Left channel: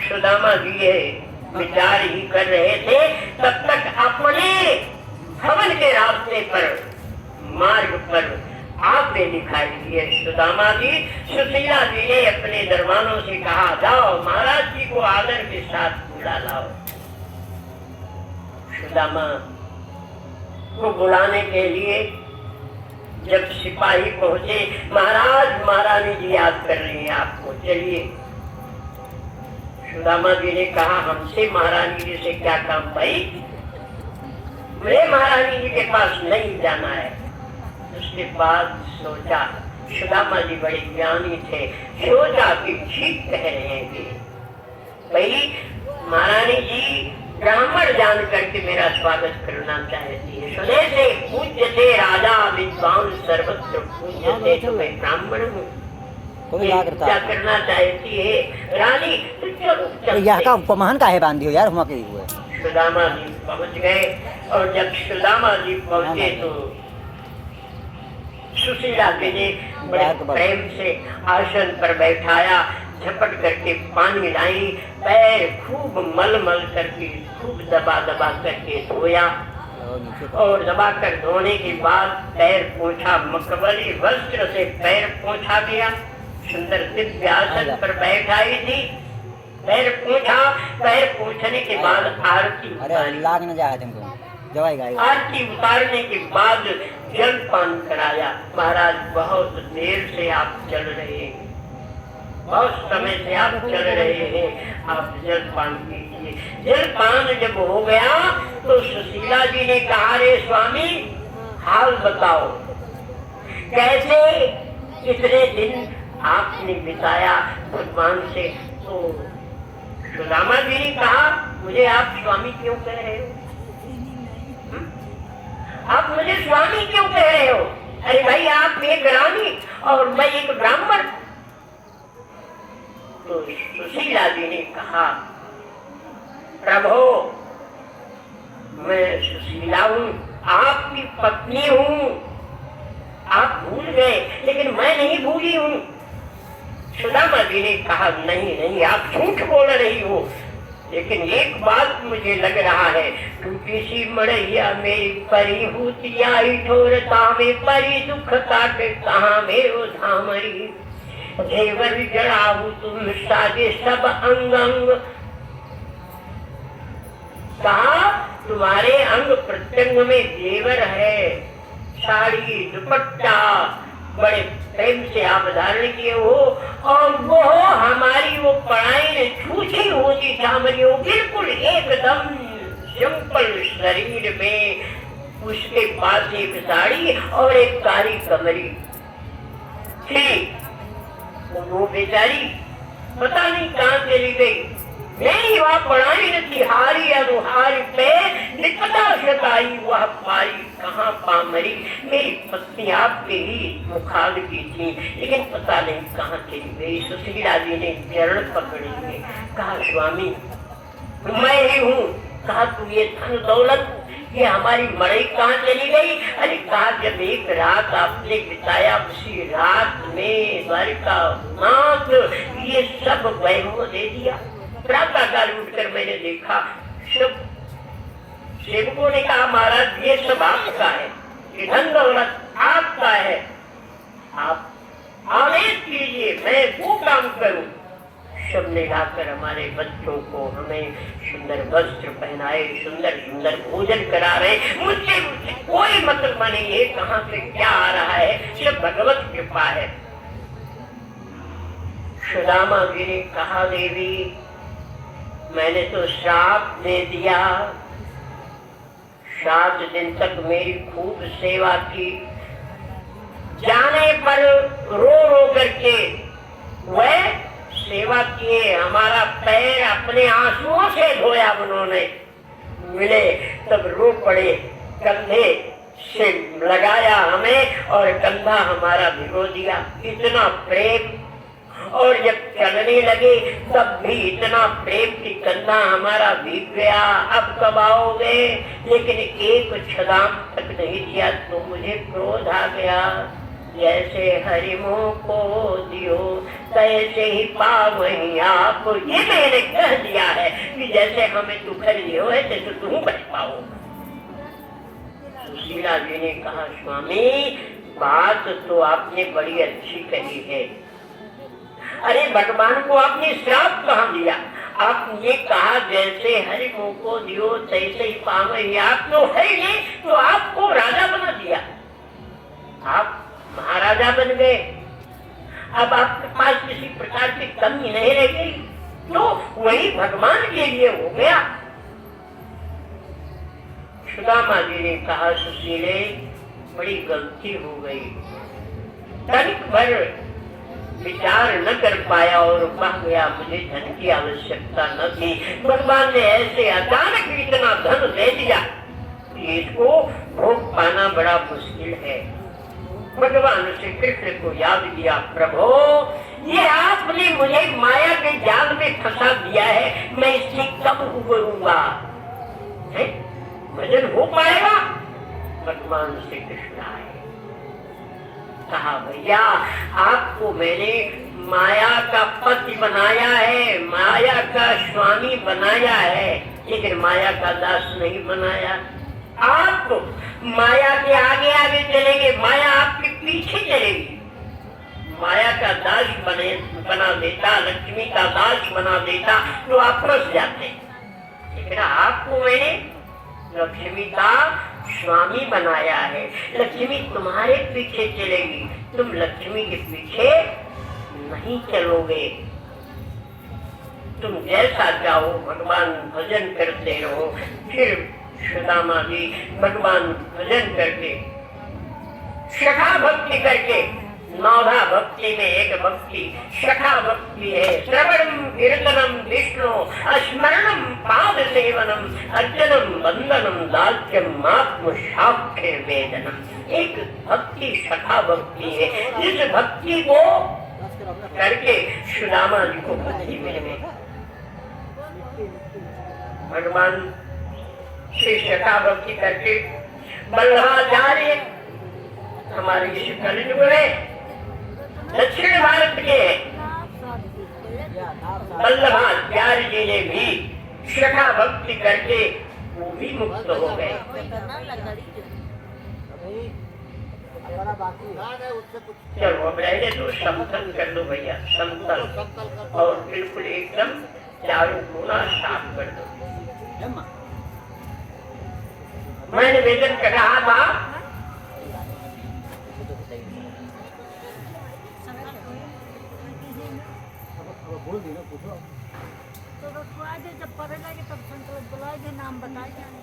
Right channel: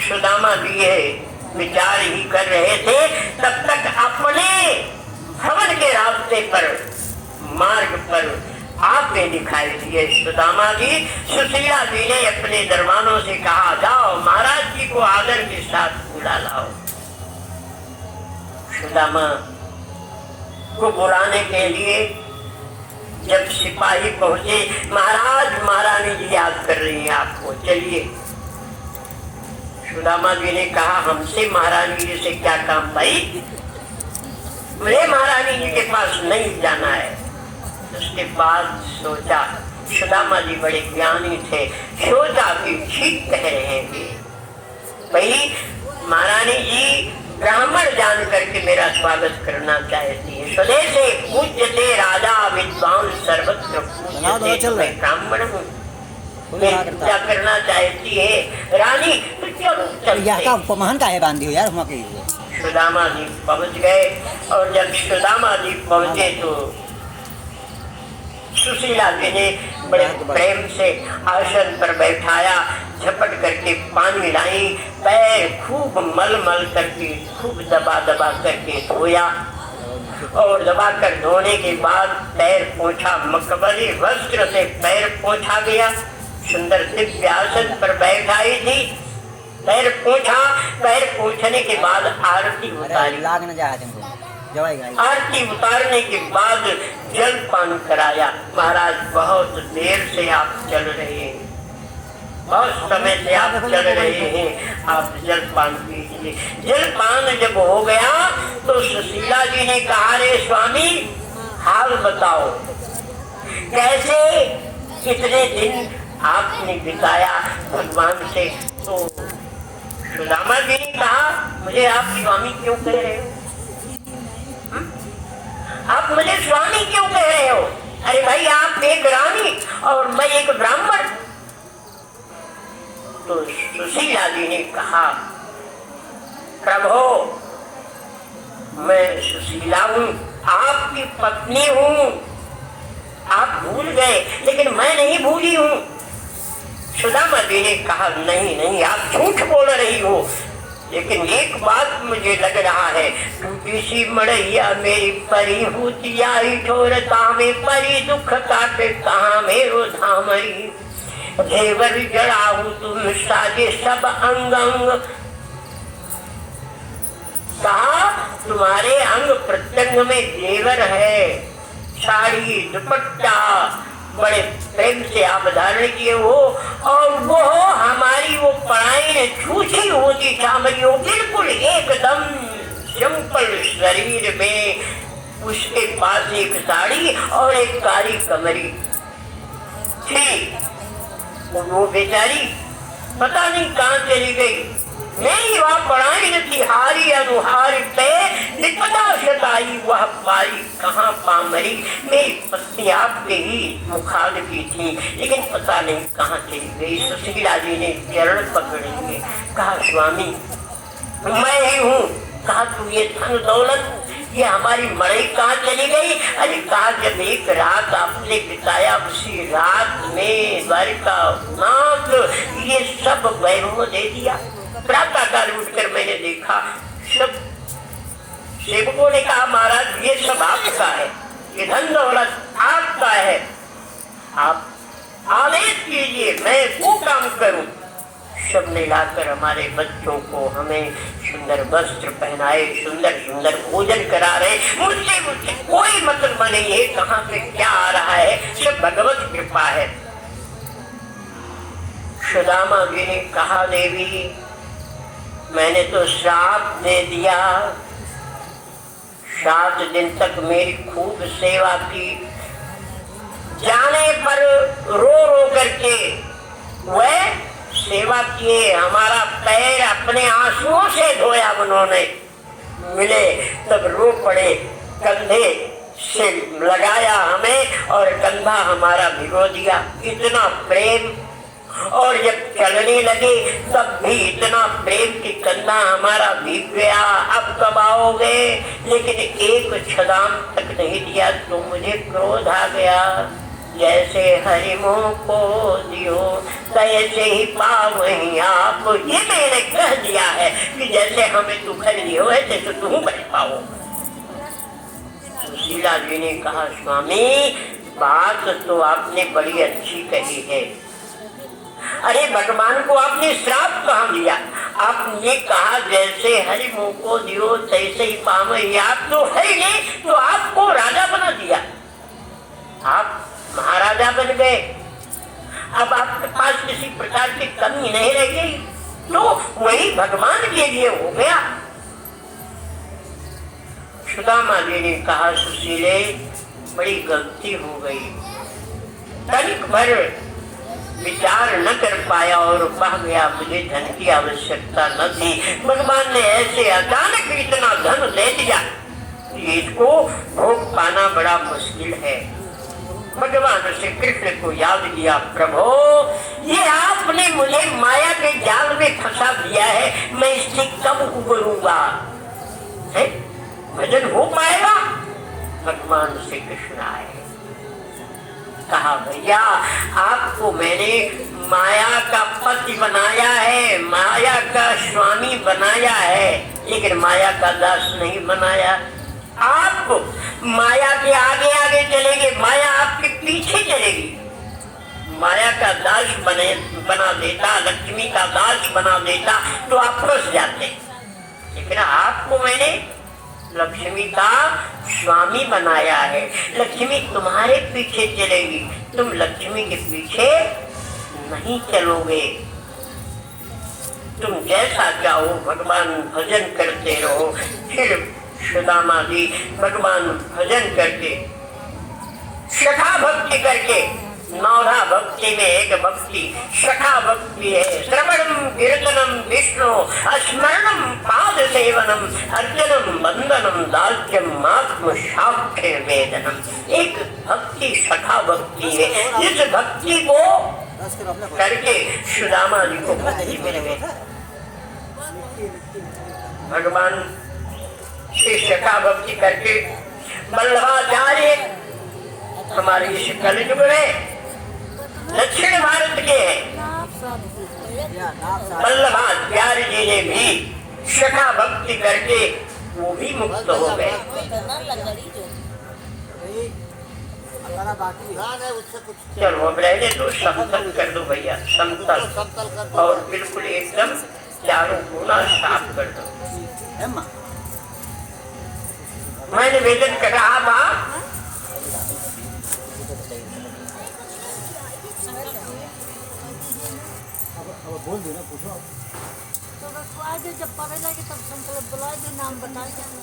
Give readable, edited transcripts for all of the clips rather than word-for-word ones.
सुदामा भी है विचार ही कर रहे थे, तब तक अपने भवन के रास्ते पर मार्ग पर आपने दिखाई दिए। सुदामा जी, सुशीला जी ने अपने दरबारों से कहा, जाओ महाराज जी को आदर के साथ बुला लाओ। सुदामा को बुलाने के लिए जब सिपाही पहुंचे, महाराज महारानी जी याद कर रही है आपको, चलिए। सुदामा जी ने कहा, हमसे महारानी जी से क्या काम भाई, मुझे महारानी जी के पास नहीं जाना है। उसके बाद सोचा, सुदामा जी बड़े ज्ञानी थे, सोचा कि ठीक कह रहे थे, भाई महारानी जी ब्राह्मण जान करके मेरा स्वागत करना चाहती है। स्वदेशे पूज्यते राजा विद्वान सर्वत्र पूज्यते, ब्राह्मण हूँ, क्या करना चाहती है रानी, तो चलो यह का उपमान का है बांधी हो यार हम के। सुदामा जी पहुंच गए और जब सुदामा जी पहुंचे तो सुशीला जी ने बड़े प्रेम से आसन पर बैठाया, झपट करके पानी लाई, पैर खूब मल मल करके खूब दबा दबा करके धोया और दबा कर धोने के बाद पैर पोंछा, मकबरी वस्त्र से पैर पोंछा गया। सुंदर दिव्य आसन पर बैठाई थी, पैर पोंछा, पैर पोंछने के बाद आरती उतारी, आरती उतारने के बाद जल पान कराया। महाराज बहुत देर से आप चल रहे हैं, बहुत समय से आप चल रहे हैं, आप जल पान कीजिए। जल पान जब हो गया तो सुशीला जी ने कहा, रे स्वामी हाल बताओ, कैसे कितने दिन आपने बिताया भगवान से। तो सुदामा जी ने कहा, मुझे आप स्वामी क्यों कह रहे हो, आप मुझे स्वामी क्यों कह रहे हो? अरे भाई आप एक रानी और मैं एक ब्राह्मण। तो सुशीला जी ने कहा, प्रभु मैं सुशीला हूँ, आपकी पत्नी हूँ, आप भूल गए लेकिन मैं नहीं भूली हूँ। सुदामा जी ने कहा, नहीं नहीं आप झूठ बोल रही हो, लेकिन एक बात मुझे लग रहा है, टूटी सी मड़ैया मेरी परी होतिया ही ढोरता में परी दुख काटे कहाँ मेरो धामरी, देवर जड़ाहू तुम साजे सब अंग अंग। कहा तुम्हारे अंग प्रत्यंग में देवर है, साड़ी दुपट्टा बड़े प्रेम से आप धारण किए हो, और वो हमारी वो पढ़ाई छूछी होती चामरी हो, बिल्कुल एकदम सिंपल शरीर में, उसके पास एक साड़ी और एक कारी कमरी थी। वो बेचारी पता नहीं कहाँ चली गई, नहीं वहाँ पढ़ाई थी, हारी अनुहारी पे निपटा सताई वह पाई कहाँ पामरी। मेरी पत्नी आपके ही मुखालफी थी, लेकिन पता नहीं कहाँ चली गई। सुशीला जी ने चरण पकड़ेंगे, कहा स्वामी मैं ही हूँ। कहा तू ये धन दौलत ये हमारी मड़ई कहाँ चली गई? अरे कहा जब एक रात आपने बिताया, उसी रात में द्वारिका नाथ ये सब वैभव दे दिया। प्रातःकाल उठकर मैंने देखा, सब सेवकों ने कहा महाराज ये सब आपका है, ये धन दौलत आपका है, आप आदेश कीजिए मैं वो काम करूं। सब ने लाकर हमारे बच्चों को हमें सुंदर वस्त्र पहनाए, सुंदर सुंदर भोजन करा रहे। मुझसे कोई मतलब नहीं है कहाँ से क्या आ रहा है, सब भगवत कृपा है। सुदामा जी ने कहा देवी मैंने तो श्राप दे दिया, 7 दिन तक मेरी खूब सेवा की, जाने पर रो रो करके वह सेवा किए, हमारा पैर अपने आंसुओं से धोया उन्होंने, मिले तब रो पड़े, कंधे से लगाया हमें और कंधा हमारा भिगो दिया। इतना प्रेम, और जब चलने लगे तब भी इतना प्रेम कि कंधा हमारा भीग गया। अब कब आओगे? लेकिन एक छलांग तक नहीं दिया तो मुझे क्रोध आ गया। जैसे हरिमों को दियो तैसे ही पावही आप, ये मैंने कह जैसे हमें तू कर दियो है जैसे तुम बन पाओ। सुशीला जी ने कहा स्वामी बात तो आपने बड़ी अच्छी कही है। अरे भगवान को आपने श्राप कहाँ दिया? आपने कहा जैसे हरि मुंह को दियो तैसे ही पावे। आप तो हरि ने तो आपको राजा बना दिया, आप महाराजा बन गए। अब आपके पास किसी प्रकार की कमी नहीं रह गई, तो वही भगवान के लिए हो गया। सुदामा जी ने कहा सुशीले बड़ी गलती हो गई, तनिक भर विचार न कर पाया और कह गया मुझे धन की आवश्यकता न थी। भगवान ने ऐसे अचानक इतना धन दे दिया, इसको भोग पाना बड़ा मुश्किल है। भगवान श्री कृष्ण को याद किया, प्रभु ये आपने मुझे माया के जाल में फंसा दिया है, मैं इससे कब उबरूंगा? भजन हो पाएगा? भगवान श्री कृष्ण आए, कहा भैया आपको मैंने माया का पति बनाया है, माया का स्वामी बनाया है, लेकिन माया का दास नहीं बनाया। आप माया के आगे आगे चलेंगे, माया आपके पीछे चलेगी। माया का दास बना देता, लक्ष्मी का दास बना देता तो आप फंस जाते, लेकिन आपको मैंने लक्ष्मी का स्वामी बनाया है। लक्ष्मी तुम्हारे पीछे चलेगी, तुम लक्ष्मी के पीछे नहीं चलोगे। तुम जैसा चाहो भगवान भजन करते रहो। फिर सुदामा जी भगवान भजन करके सखा भक्ति करके, नौधा भक्ति में एक भक्ति सखा भक्ति है। श्रवणम कीर्तनम विष्णु स्मरणम पाद सेवनम अर्चनम वंदनम दास्यम आत्म साक्षी वेदनम। एक भक्ति सखा भक्ति है। इस भक्ति को करके सुदामा जी को भक्ति मिल गई। भगवान श्री सखा भक्ति करके बल्लभाचार्य हमारे इस कलयुग में दक्षिण भारत के वल्लभाचार्य जी ने भी सखा भक्ति करके वो भी मुक्त हो गए। चलो पहले तो समतल कर दो भैया, समतल और बिल्कुल एकदम चारों कोना साफ कर दो। मैंने वेदन कहा था बोल दो ना, पूछो तो बस आगे जब पढ़े जाएंगे तब संकल्प बुलाएंगे, नाम बताए जाएंगे।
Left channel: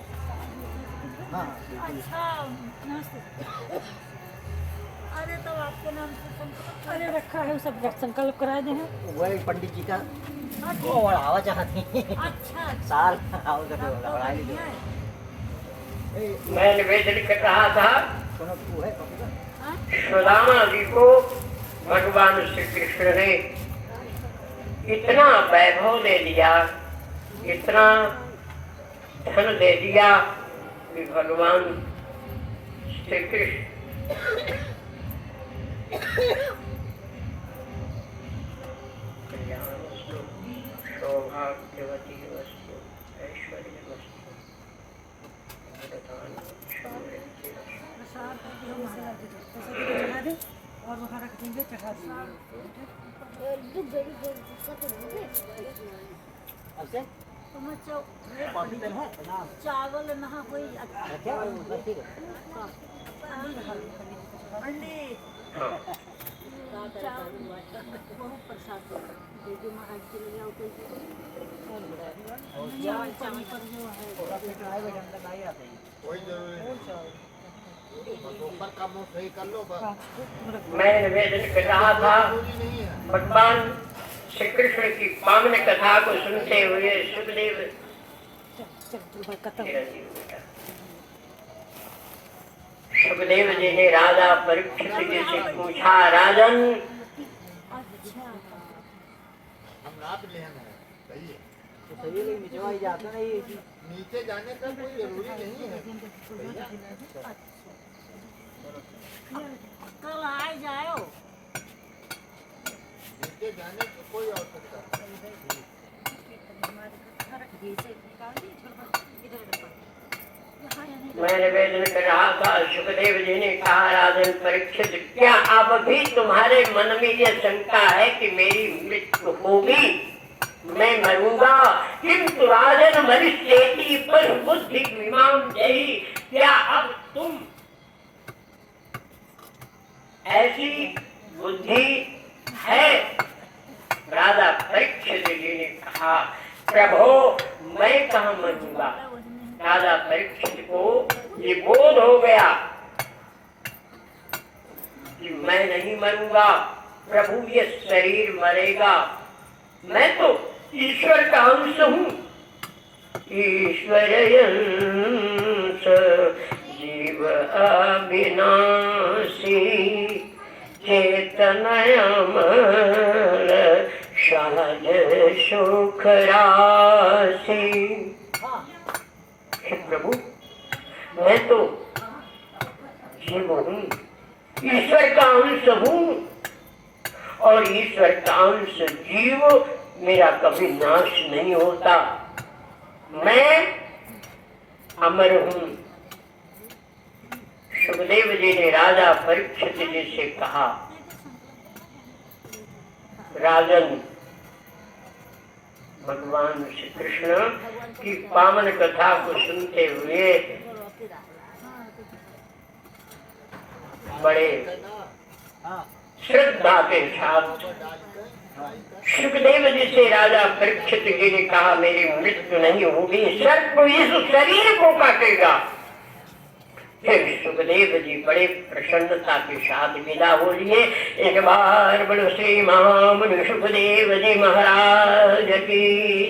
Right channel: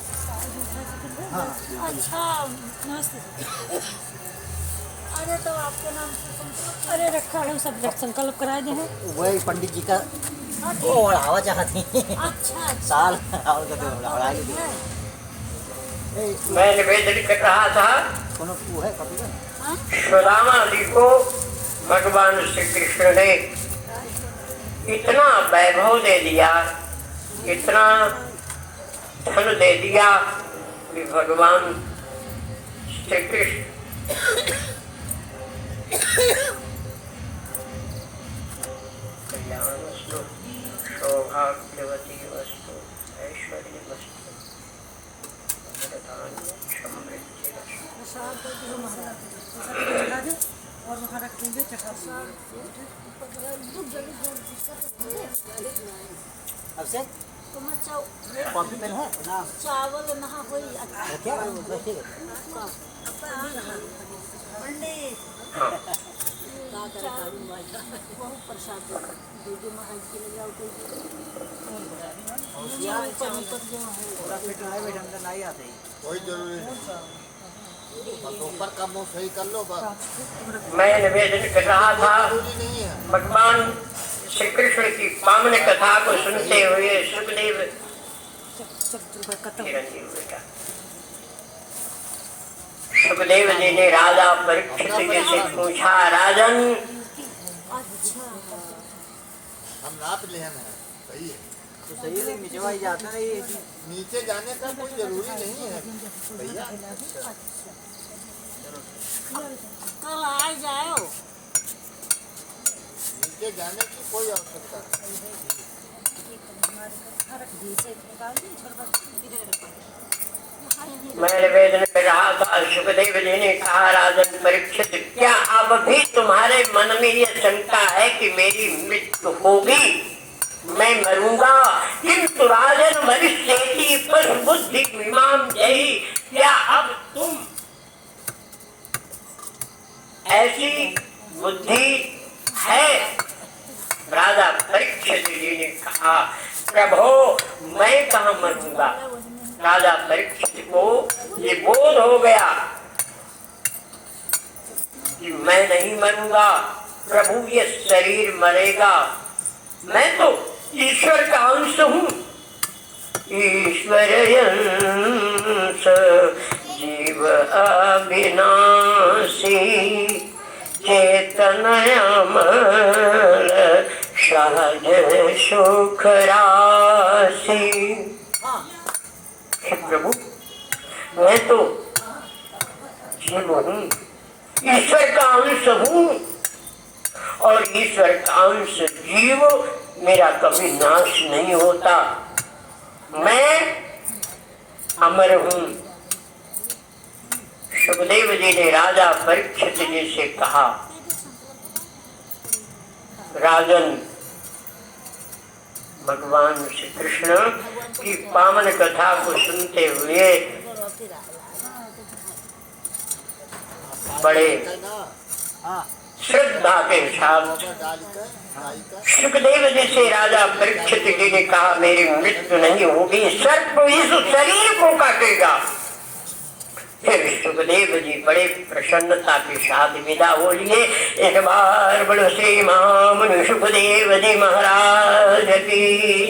हाँ अच्छा नमस्ते। अरे तो आपके नाम से संकल्प अरे रखा है, सब संकल्प कराए दे हैं। वही पंडित जी का वो बढ़ावा चाहती अच्छा साल मैंने वेदन का कहा था वो है सुदामा जी को भगवान श्री कृष्ण ने इतना वैभव दे दिया, इतना धन दे दिया कि भगवान श्री कृष्ण सौभाग्यवती वस्तु ऐश्वर्य वस्तु और वहाँ रख देंगे चढ़ा से तो मैं कॉफी पेन है ना चावल वहाँ हो क्या ठीक बहुत प्रसाद दे दो महाराज के लिए जाओ कोई कोई जरूरी ऊपर का मुंह सही कर लो बस। मैं निवेदन कर रहा था जरूरी नहीं है। भगवान श्री कृष्ण की पावन कथा को सुनते हुए सुखदेव सुखदेव जी ने राजा परीक्षित जी से पूछा, राजन हम नाप ले हैं, सही है। तो सही है, नीचे वाली जाते ना ये नीचे जाने का कोई जरूरी नहीं है भैया। कल आए जाओ नीचे जाने की कोई आवश्यकता नहीं। मैं निवेदन कर रहा था, सुखदेव जी ने कहा, राजन परीक्षित, क्या अब भी तुम्हारे मन में यह शंका है कि मेरी मृत्यु होगी, मैं मरूंगा? किंतु राजन भविष्यति पर बुद्धि इमाम जयी, क्या अब तुम ऐसी बुद्धि है? राजा परीक्षित जी ने कहा, प्रभु मैं कहाँ मरूंगा? राजा परीक्षित को ये बोध हो गया कि मैं नहीं मरूंगा, प्रभु ये शरीर मरेगा, मैं तो ईश्वर का अंश हूँ। ईश्वर अंश जीव अविनाशी, चेतनय अमर सहज सुख राशि। हे प्रभु, मैं तो जीव हूँ, ईश्वर का अंश हूँ, और ईश्वर का अंश जीव, मेरा कभी नाश नहीं होता, मैं अमर हूँ। सुखदेव जी ने राजा परीक्षित जी से कहा, राजन, भगवान श्री कृष्ण की पावन कथा को सुनते हुए बड़े श्रद्धा के साथ सुखदेव जी से राजा परीक्षित जी ने कहा, मेरी मृत्यु नहीं होगी, सर्प इस शरीर को काटेगा। फिर सुखदेव जी बड़े प्रसन्नता के साथ विदा हो लिए। एक बार बोलो श्री महामुनि सुखदेव जी महाराज की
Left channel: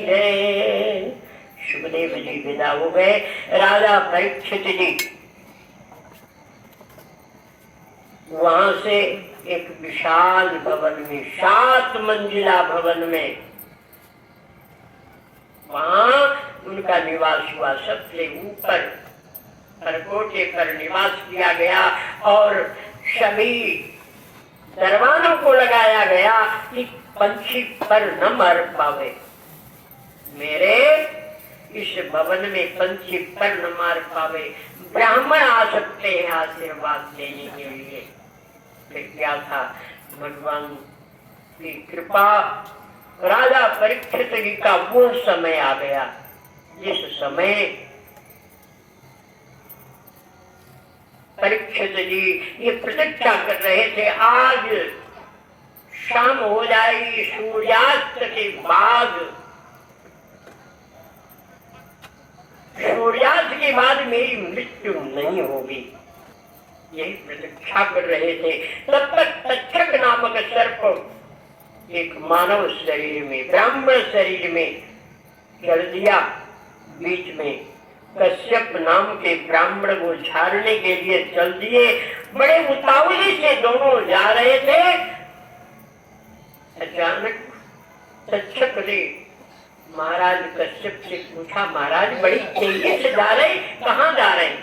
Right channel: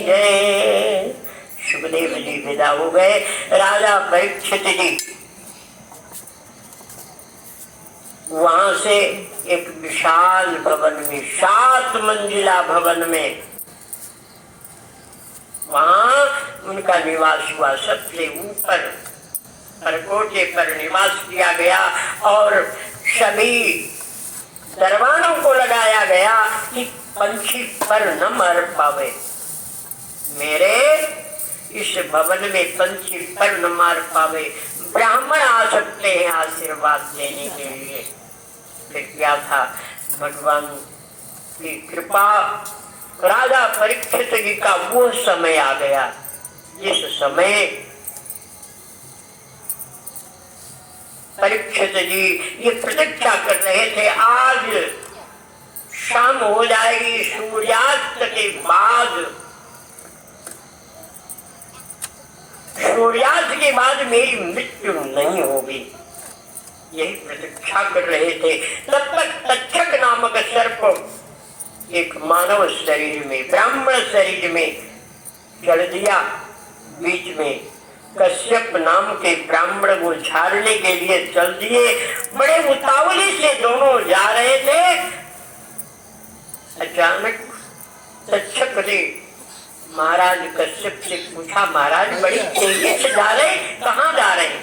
जय। सुखदेव जी विदा हो गए। राजा परीक्षित जी वहां से एक विशाल भवन में, 7 मंजिला भवन में, वहां उनका निवास हुआ। सबसे ऊपर परकोटे पर निवास किया गया और सभी दरबारों को लगाया गया कि पंछी पर न मर पावे। मेरे इस भवन में पंछी पर न मार पावे। ब्राह्मण आ सकते हैं आशीर्वाद देने के लिए। फिर क्या था, भगवान की कृपा, राजा परीक्षित जी का वो समय आ गया जिस समय परीक्षित जी ये प्रतीक्षा कर रहे थे, आज शाम हो जाएगी, सूर्यास्त के बाद, सूर्यास्त के बाद मेरी मृत्यु नहीं होगी, यही प्रतीक्षा कर रहे थे। तब तक तक्षक नामक सर्प एक मानव शरीर में, ब्राह्मण शरीर में चल दिया। बीच में कश्यप नाम के ब्राह्मण को झाड़ने के लिए चल दिए। बड़े उतावली से दोनों जा रहे थे। अचानक तक्षक ने महाराज कश्यप से पूछा, महाराज बड़ी तेजी से जा रहे, कहाँ जा रहे हैं,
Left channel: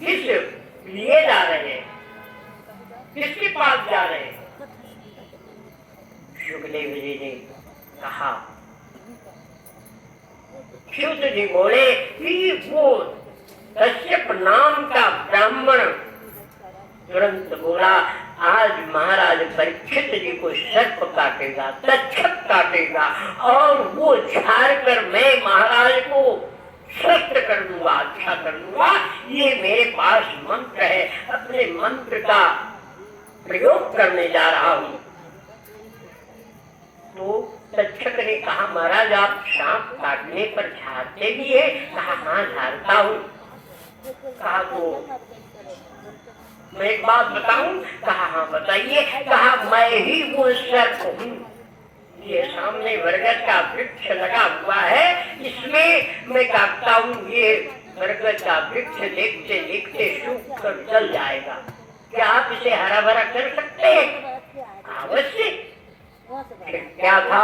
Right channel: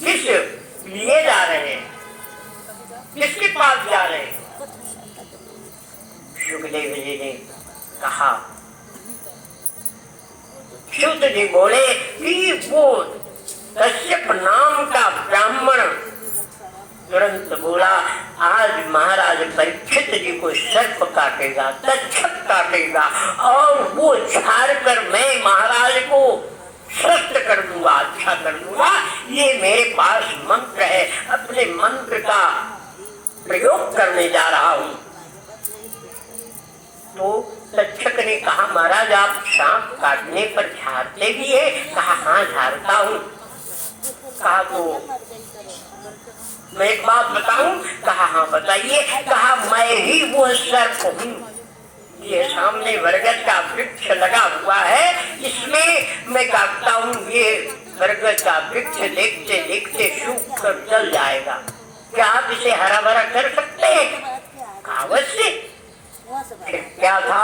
किस लिए जा रहे हैं, किसके पास जा रहे हैं? सुखदेव जी ने कहा, शुद्ध जी बोले कि वो कश्यप नाम का ब्राह्मण तुरंत बोला, आज महाराज परीक्षित जी को सर्प काटेगा, तक्षक काटेगा, और वो झाड़ कर मैं महाराज को स्वस्थ कर दूंगा, अच्छा कर दूंगा। ये मेरे पास मंत्र है, अपने मंत्र का प्रयोग करने जा रहा हूँ। तो तक्षक ने कहा, महाराज आप सांप काटने पर झाड़ते भी है? कहा, हाँ झाड़ता हूँ। कहा, तो मैं एक बात बताऊं? कहा, हाँ बताइए। कहा, मैं ही वो सर्प हूँ, ये सामने बरगद का वृक्ष लगा हुआ है, इसमें मैं काटता हूँ, ये बरगद का वृक्ष देखते देखते सूख कर जल जाएगा, क्या आप इसे हरा भरा कर सकते हैं? अवश्य। क्या था,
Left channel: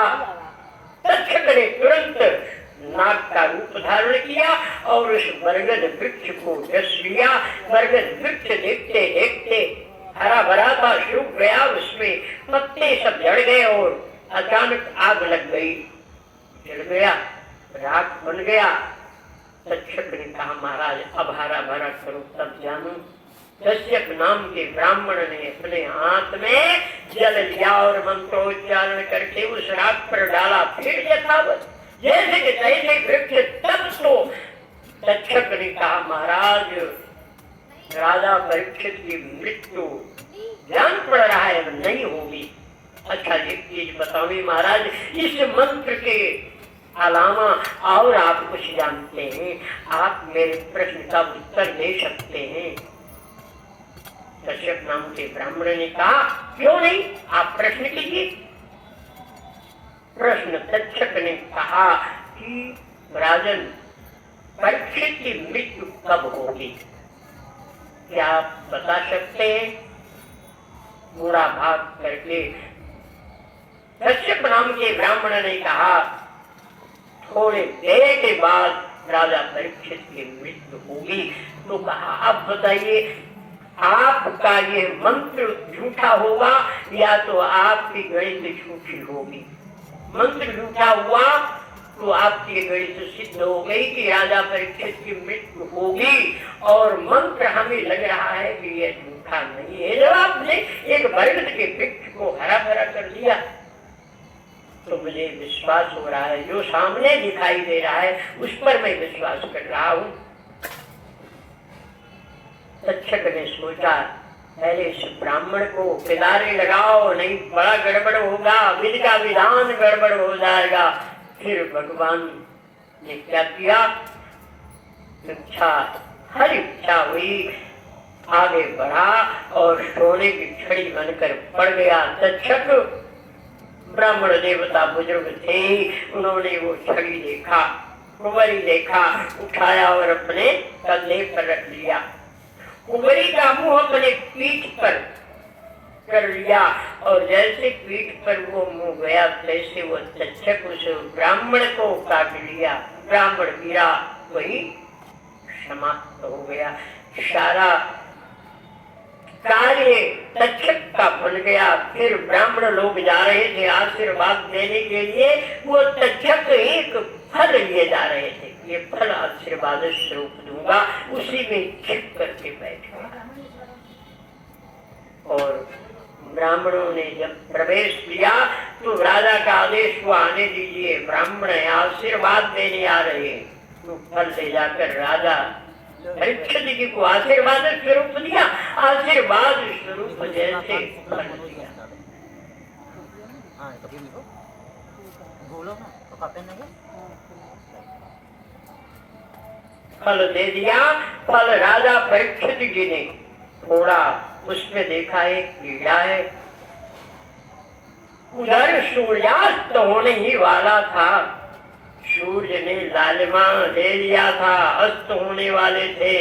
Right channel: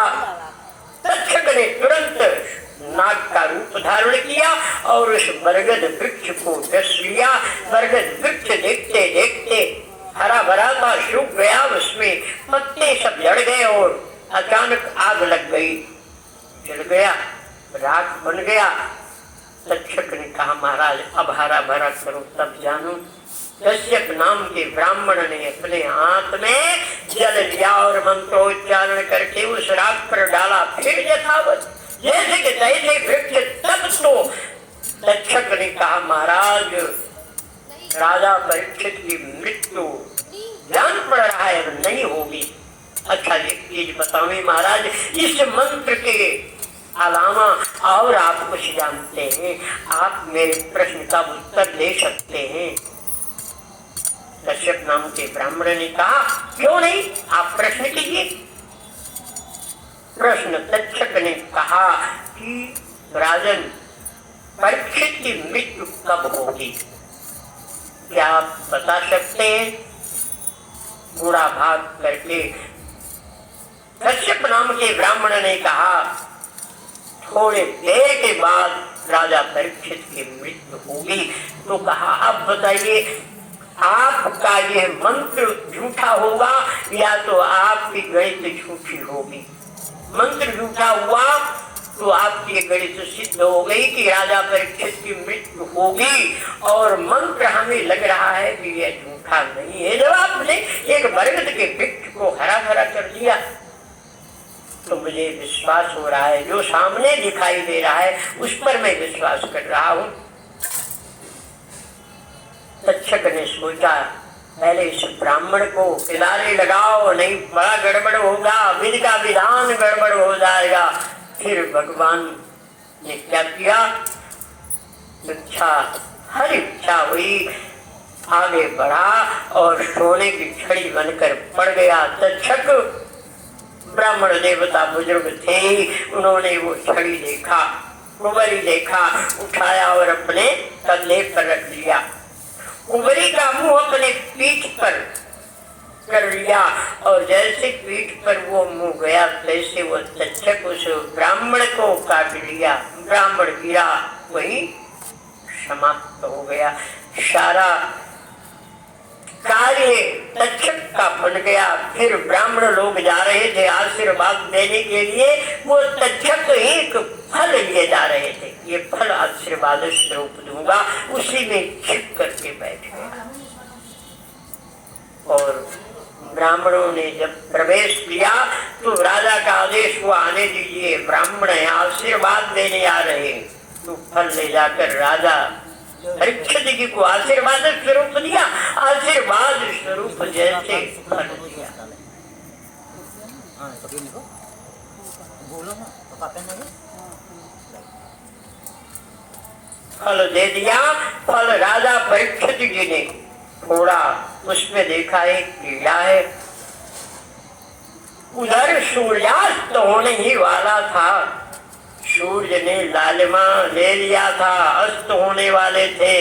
तक्षक ने तुरंत नाग का रूप धारण किया और उस बरगद वृक्ष को डस लिया। बरगद वृक्ष देखते देखते हरा भरा था, सूख गया, उसमें पत्ते सब झड़ गए और अचानक आग लग गई, जल गया। रात बन गया। तक्षक ने कहा महाराज अब हरा भरा करो तब जानू। कश्यप नाम के ब्राह्मण ने अपने हाथ में जल लिया और मंत्रोच्चारण करके उस राख पर डाला। फिर यथावत जैसे कि तैसे वृक्ष तब तो तक्षक ने कहा महाराज राजा परीक्षित की मृत्यु जान पड़ रहा है नहीं होगी। अच्छा एक चीज बताओ महाराज इस मंत्र के अलावा और आप कुछ जानते हैं? आप मेरे प्रश्न का उत्तर दे सकते हैं? कश्यप नाम के ब्राह्मण ने कहा क्यों नहीं आप प्रश्न कीजिए। प्रश्न तक्षक ने कहा कि राजन परीक्षित की मृत्यु कब होगी क्या आप बता सकते हैं? बुरा भाग करके कश्यप नाम के ब्राह्मण ने कहा थोड़े देर के बाद राजा परीक्षित की मृत्यु होगी। तो कहा अब बताइए आपका ये मंत्र झूठा होगा या तो आपकी गणित झूठी होगी। मंत्र झूठा हुआ तो आपकी गणित सिद्ध हो गई कि राजा परीक्षित की मृत्यु होगी और मंत्र हमें लग रहा है कि यह झूठा नहीं है। जब आपने एक बरगद के वृक्ष को हरा भरा कर दिया तो मुझे विश्वास हो रहा है जो सामने दिखाई दे रहा है उस पर मैं विश्वास कर रहा हूं। तक्षक ने सोचा पहले इस ब्राह्मण को किनारे लगाओ नहीं बड़ा गड़बड़ होगा विधि का विधान गड़बड़ हो जाएगा। फिर भगवान ने क्या किया इच्छा हर इच्छा हुई आगे बढ़ा और सोने की छड़ी बनकर पड़ गया। तक्षक ब्राह्मण देवता बुजुर्ग थे उन्होंने वो छड़ी देखा कुंवरी देखा उठाया और अपने कंधे पर रख लिया। कुंवरी का मुंह अपने पीठ पर कर लिया और जैसे पीठ पर वो मुंह गया तैसे वो तक्षक उस ब्राह्मण को काट लिया। ब्राह्मण गिरा वही समाप्त हो गया। सारा कार्य तक्षक का बन गया। फिर ब्राह्मण लोग जा रहे थे आशीर्वाद देने के लिए वो तक्षक एक फल लिए जा रहे थे। ये फल आशीर्वाद स्वरूप दूंगा उसी में छिप करके बैठ गया। और ब्राह्मणों ने जब प्रवेश किया तो राजा का आदेश हुआ आने दीजिए ब्राह्मण आशीर्वाद देने आ रहे। तो फल ले जाकर राजा परीक्षित जी को आशीर्वाद स्वरूप दिया। आशीर्वाद स्वरूप जैसे फल दे दिया। फल राजा परीक्षित जी ने थोड़ा उसमें देखा एक कीड़ा है। उधर सूर्यास्त होने ही वाला था। सूर्य ने लालिमा ले लिया था अस्त होने वाले थे।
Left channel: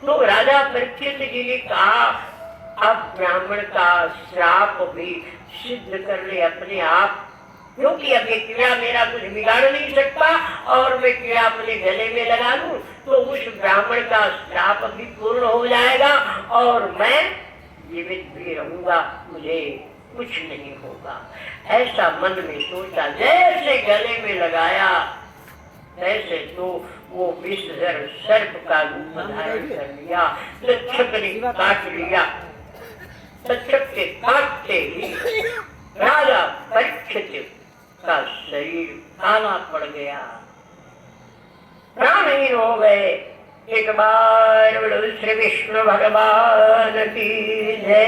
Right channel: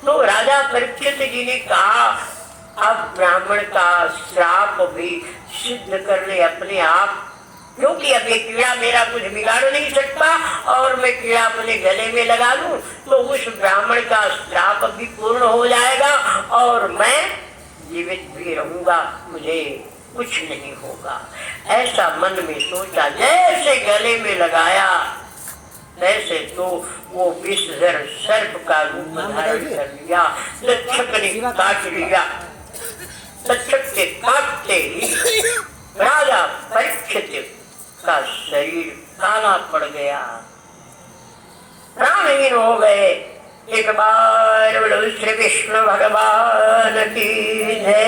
तो राजा परीक्षित जी ने कहा अब ब्राह्मण का श्राप भी सिद्ध कर ले अपने आप क्योंकि अब ये कीड़ा मेरा कुछ बिगाड़ नहीं सकता और मैं कीड़ा अपने गले में लगा लूं तो उस ब्राह्मण का श्राप भी पूर्ण हो जाएगा और मैं जीवित भी रहूंगा मुझे कुछ नहीं होगा। ऐसा मन में सोचा जैसे गले में लगाया ऐसे तो वो विषधर सर्प का रूप धारण कर लिया। तक्षक ने काट लिया। तक्षक के काटते ही राजा परीक्षित का शरीर काला पड़ गया प्राणहीन हो गए। एक बार श्री विष्णु भगवान की जय।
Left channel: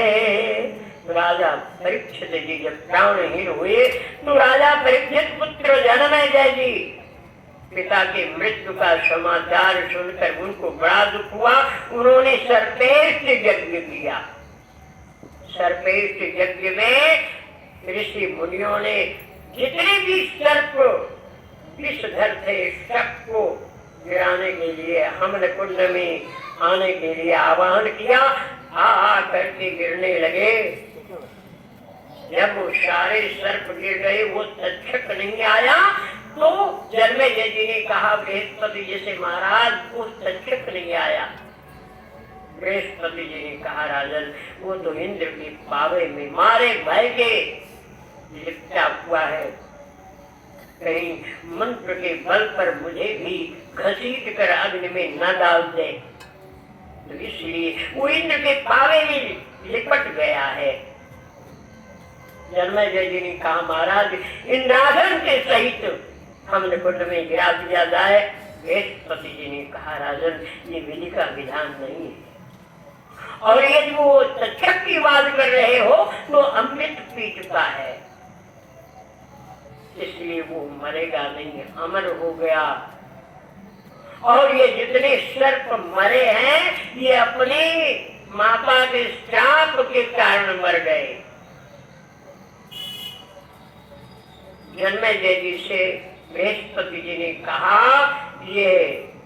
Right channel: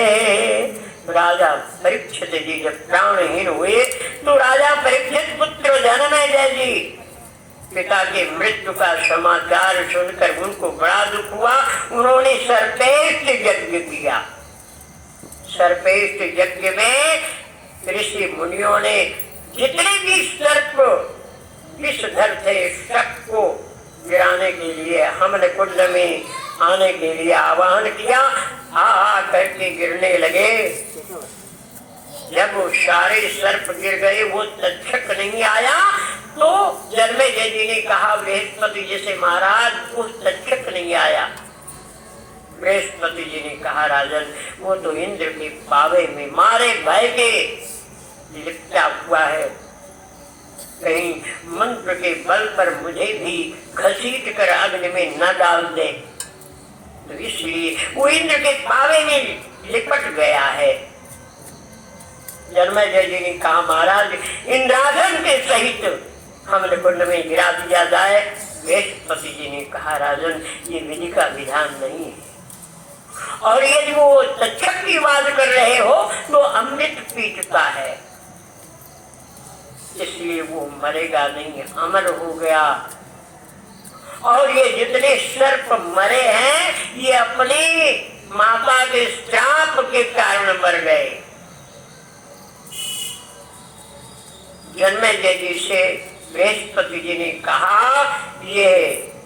राजा परीक्षित जी जब प्राणहीन हुए तो राजा परीक्षित पुत्र जन्मेजय जी पिता की मृत्यु का समाचार सुनकर उनको बड़ा दुख हुआ। उन्होंने सर्पेष्ट यज्ञ किया। सर्पेष्ट यज्ञ में ऋषि मुनियों ने जितने भी सर्प विषधर थे सबको गिराने के लिए हमने कुंड में आने के लिए आह्वान किया। आ करके गिरने लगे। जब वो सारे सर्प गिर गए वो तक्षक नहीं आया तो जन्मेजय जी ने कहा बृहस्पति जी से महाराज वो तक्षक नहीं आया। बृहस्पति जी ने कहा राजन वो तो इंद्र के पावे में मारे भय के लिपटा हुआ है। कहीं मंत्र के बल पर मुझे भी घसीट कर अग्नि में न डाल दे। तो इसलिए वो इंद्र के पावे में लिपट गया है। जन्मेजय जी ने कहा, महाराज इंद्रासन के सहित हमने कुंड में गिरा दिया जाए। बृहस्पति जी ने कहा, राजन ये विधि का विधान नहीं है, और यदि वो तक्षक की बात कर रहे हो तो अमृत पीटता है, इसलिए वो मरेगा नहीं, अमर हो गया। और ये जितने सर्प मरे हैं ये अपने माता के श्राप के कारण मर गए। जन्मेजय जी से बृहस्पति जी ने कहा, ये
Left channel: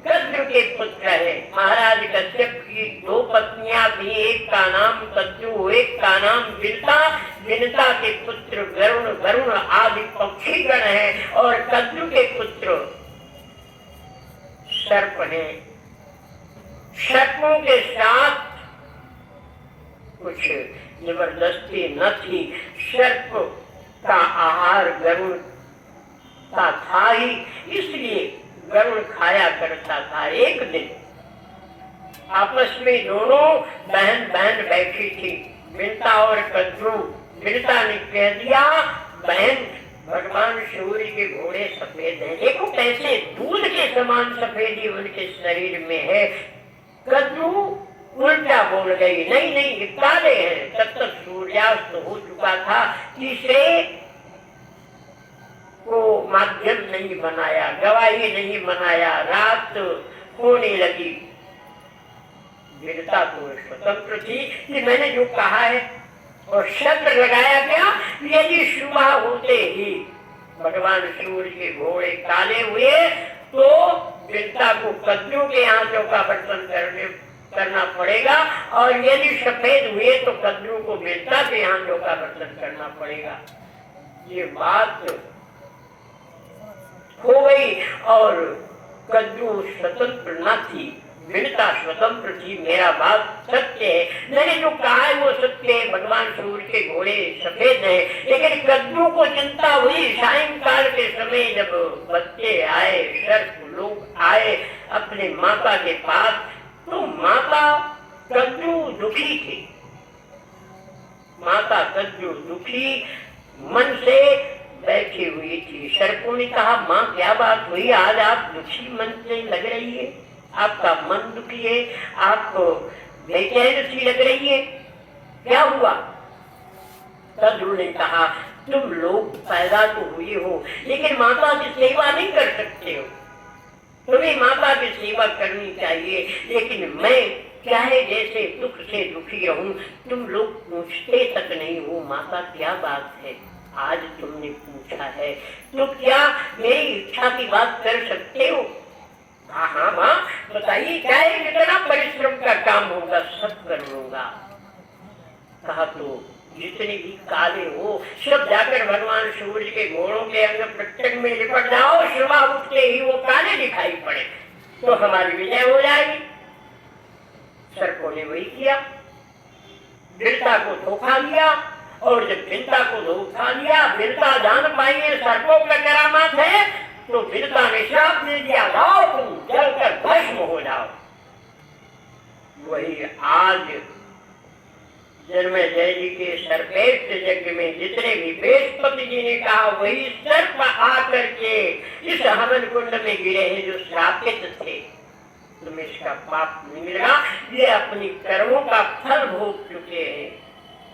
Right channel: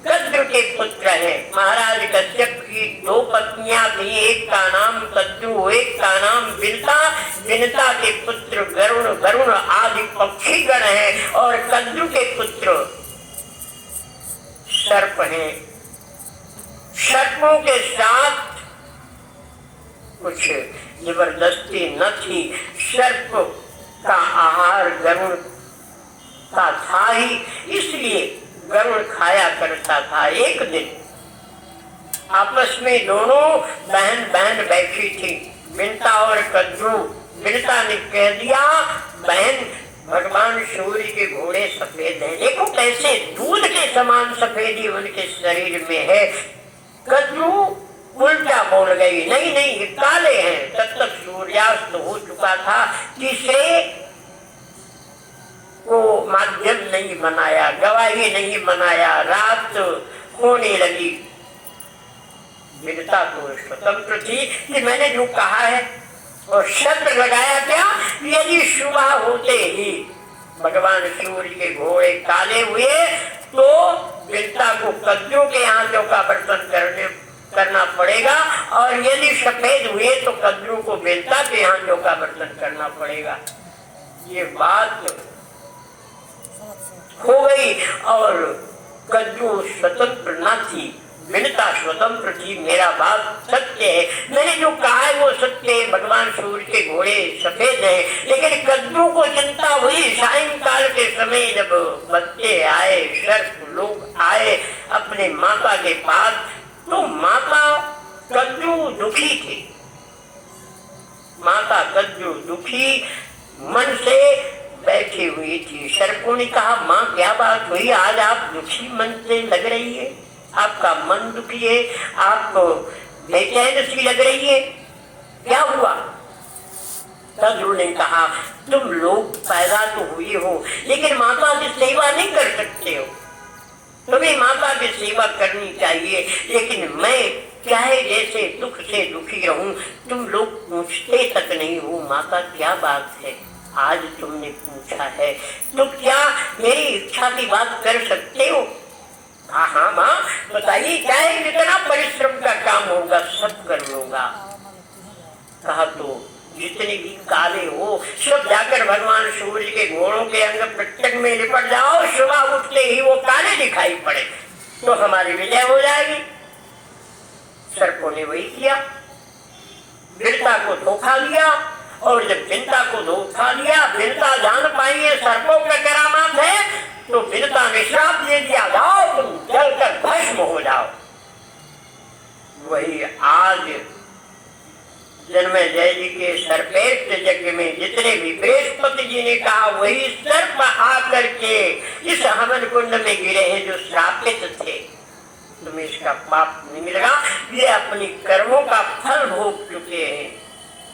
कद्रु के पुत्र है। महाराज कश्यप की 2 पत्नियां थी, एक का नाम कद्रु, एक का नाम बिनता। बिनता के पुत्र वरुण आदि पक्षीगण है, और कद्रु के पुत्र सर्प है। सर्पों के साथ कुछ जबरदस्ती न थी। सर्प का आहार गरुड़ का था ही, इसलिए गरुड़ खाया करता था। एक दिन आपस में दोनों बहन बैठी थी, बिनता और कद्रू। बिनता ने कह दिया, बहन भगवान सूर्य के घोड़े सफेद हैं, देखो कैसे दूध के समान सफेदी उनके शरीर में है। कद्रू उल्टा बोल गई, नहीं नहीं ये काले हैं। तब तक सूर्यास्त हो चुका था, तीसरे को माध्यम नहीं बनाया, गवाही नहीं बनाया, रात होने लगी। बिनता को स्वतंत्र थी कि मैंने जो कहा है, और शब्द लगाया क्या, यदि सुबह होते ही भगवान सूर्य के घोड़े काले हुए तो बिनता को कद्रू के आंचों का बर्तन करना पड़ेगा, और यदि सफेद हुए तो कद्रू को बिनता के आंचों का बर्तन करना पड़ेगा। ये बात हो गई, और कद्रू स्वतंत्र न थी, बिनता स्वतंत्र थी। मेरा बात सत्य है, मैंने जो कहा है वो सत्य है। भगवान सूर्य के घोड़े सफेद है, लेकिन कद्रू को चिंता हुई सायंकाल के समय जब बच्चे आए, सर्प लोग आए अपने माता के पास, तो माता कद्रू दुखी थी। माता कद्रू दुखी मन से बैठी हुई थी। सर्पों ने कहा, माँ क्या बात हुई, आज आप दुखी मन से लग रही है, आपका मन दुखी है, आपको बेचैन सी लग रही है, क्या हुआ? कद्रू ने कहा, तुम लोग पैदा तो हुए हो, लेकिन माता की सेवा नहीं कर सकते हो। तुम्हें माता की सेवा करनी चाहिए, लेकिन मैं चाहे जैसे दुख से दुखी रहूं, तुम लोग पूछते तक नहीं हो माता क्या बात है, आज तुमने पूछा है, तो क्या मेरी इच्छा की बात कर सकते हो? हाँ हाँ माँ बताइए, क्या है, जितना परिश्रम का काम होगा सब कर लूंगा। कहा, तो जितने भी काले हो सब जाकर भगवान सूर्य के घोड़ों के अंग प्रत्यंग में लिपट जाओ, सुबह उठते ही वो काले दिखाई पड़े तो हमारी विजय हो जाएगी। सर्पों ने वही किया, बिनता को धोखा दिया, और जब बिनता को धोखा दिया, बिनता जान पाई है सर्पों का करामात है, तो बिनता ने श्राप दे दिया, जाओ तुम जलकर भस्म हो जाओ। वही आज जन्मेजय जी के सर्पेष्ट यज्ञ में जितने भी बृहस्पति जी ने कहा, वही सर्प आकर के इस हवन कुंड में गिरे हैं जो श्रापित थे। तुम्हें इसका पाप नहीं मिलेगा, ये अपनी कर्मों का फल भोग चुके हैं,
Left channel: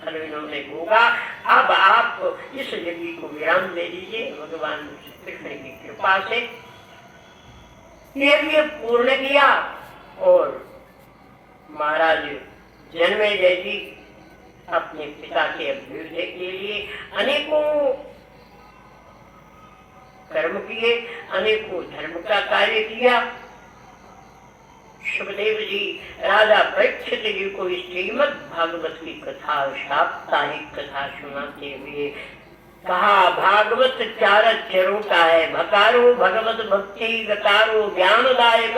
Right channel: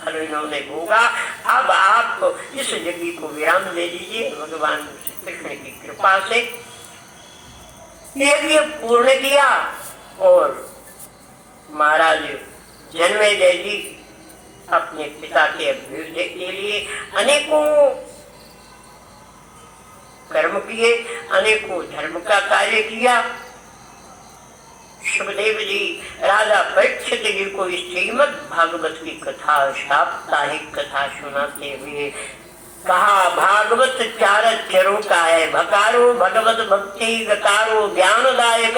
फल इन्होंने भोगा। अब आप इस यज्ञ को विराम दे दीजिए भगवान श्री कृष्ण की कृपा से। यज्ञ पूर्ण किया, और महाराज जन्मेजय जी अपने पिता के अभ्युदय के लिए अनेकों कर्म किए, अनेकों धर्म का कार्य किया। सुखदेव जी राजा परीक्षित जी को श्रीमद् भागवत की कथा, साप्ताहिक कथा सुनाते हुए कहा, भागवत 4 अक्षरों का है, भकारो भगवत भक्ति, गकारो ज्ञानदायक,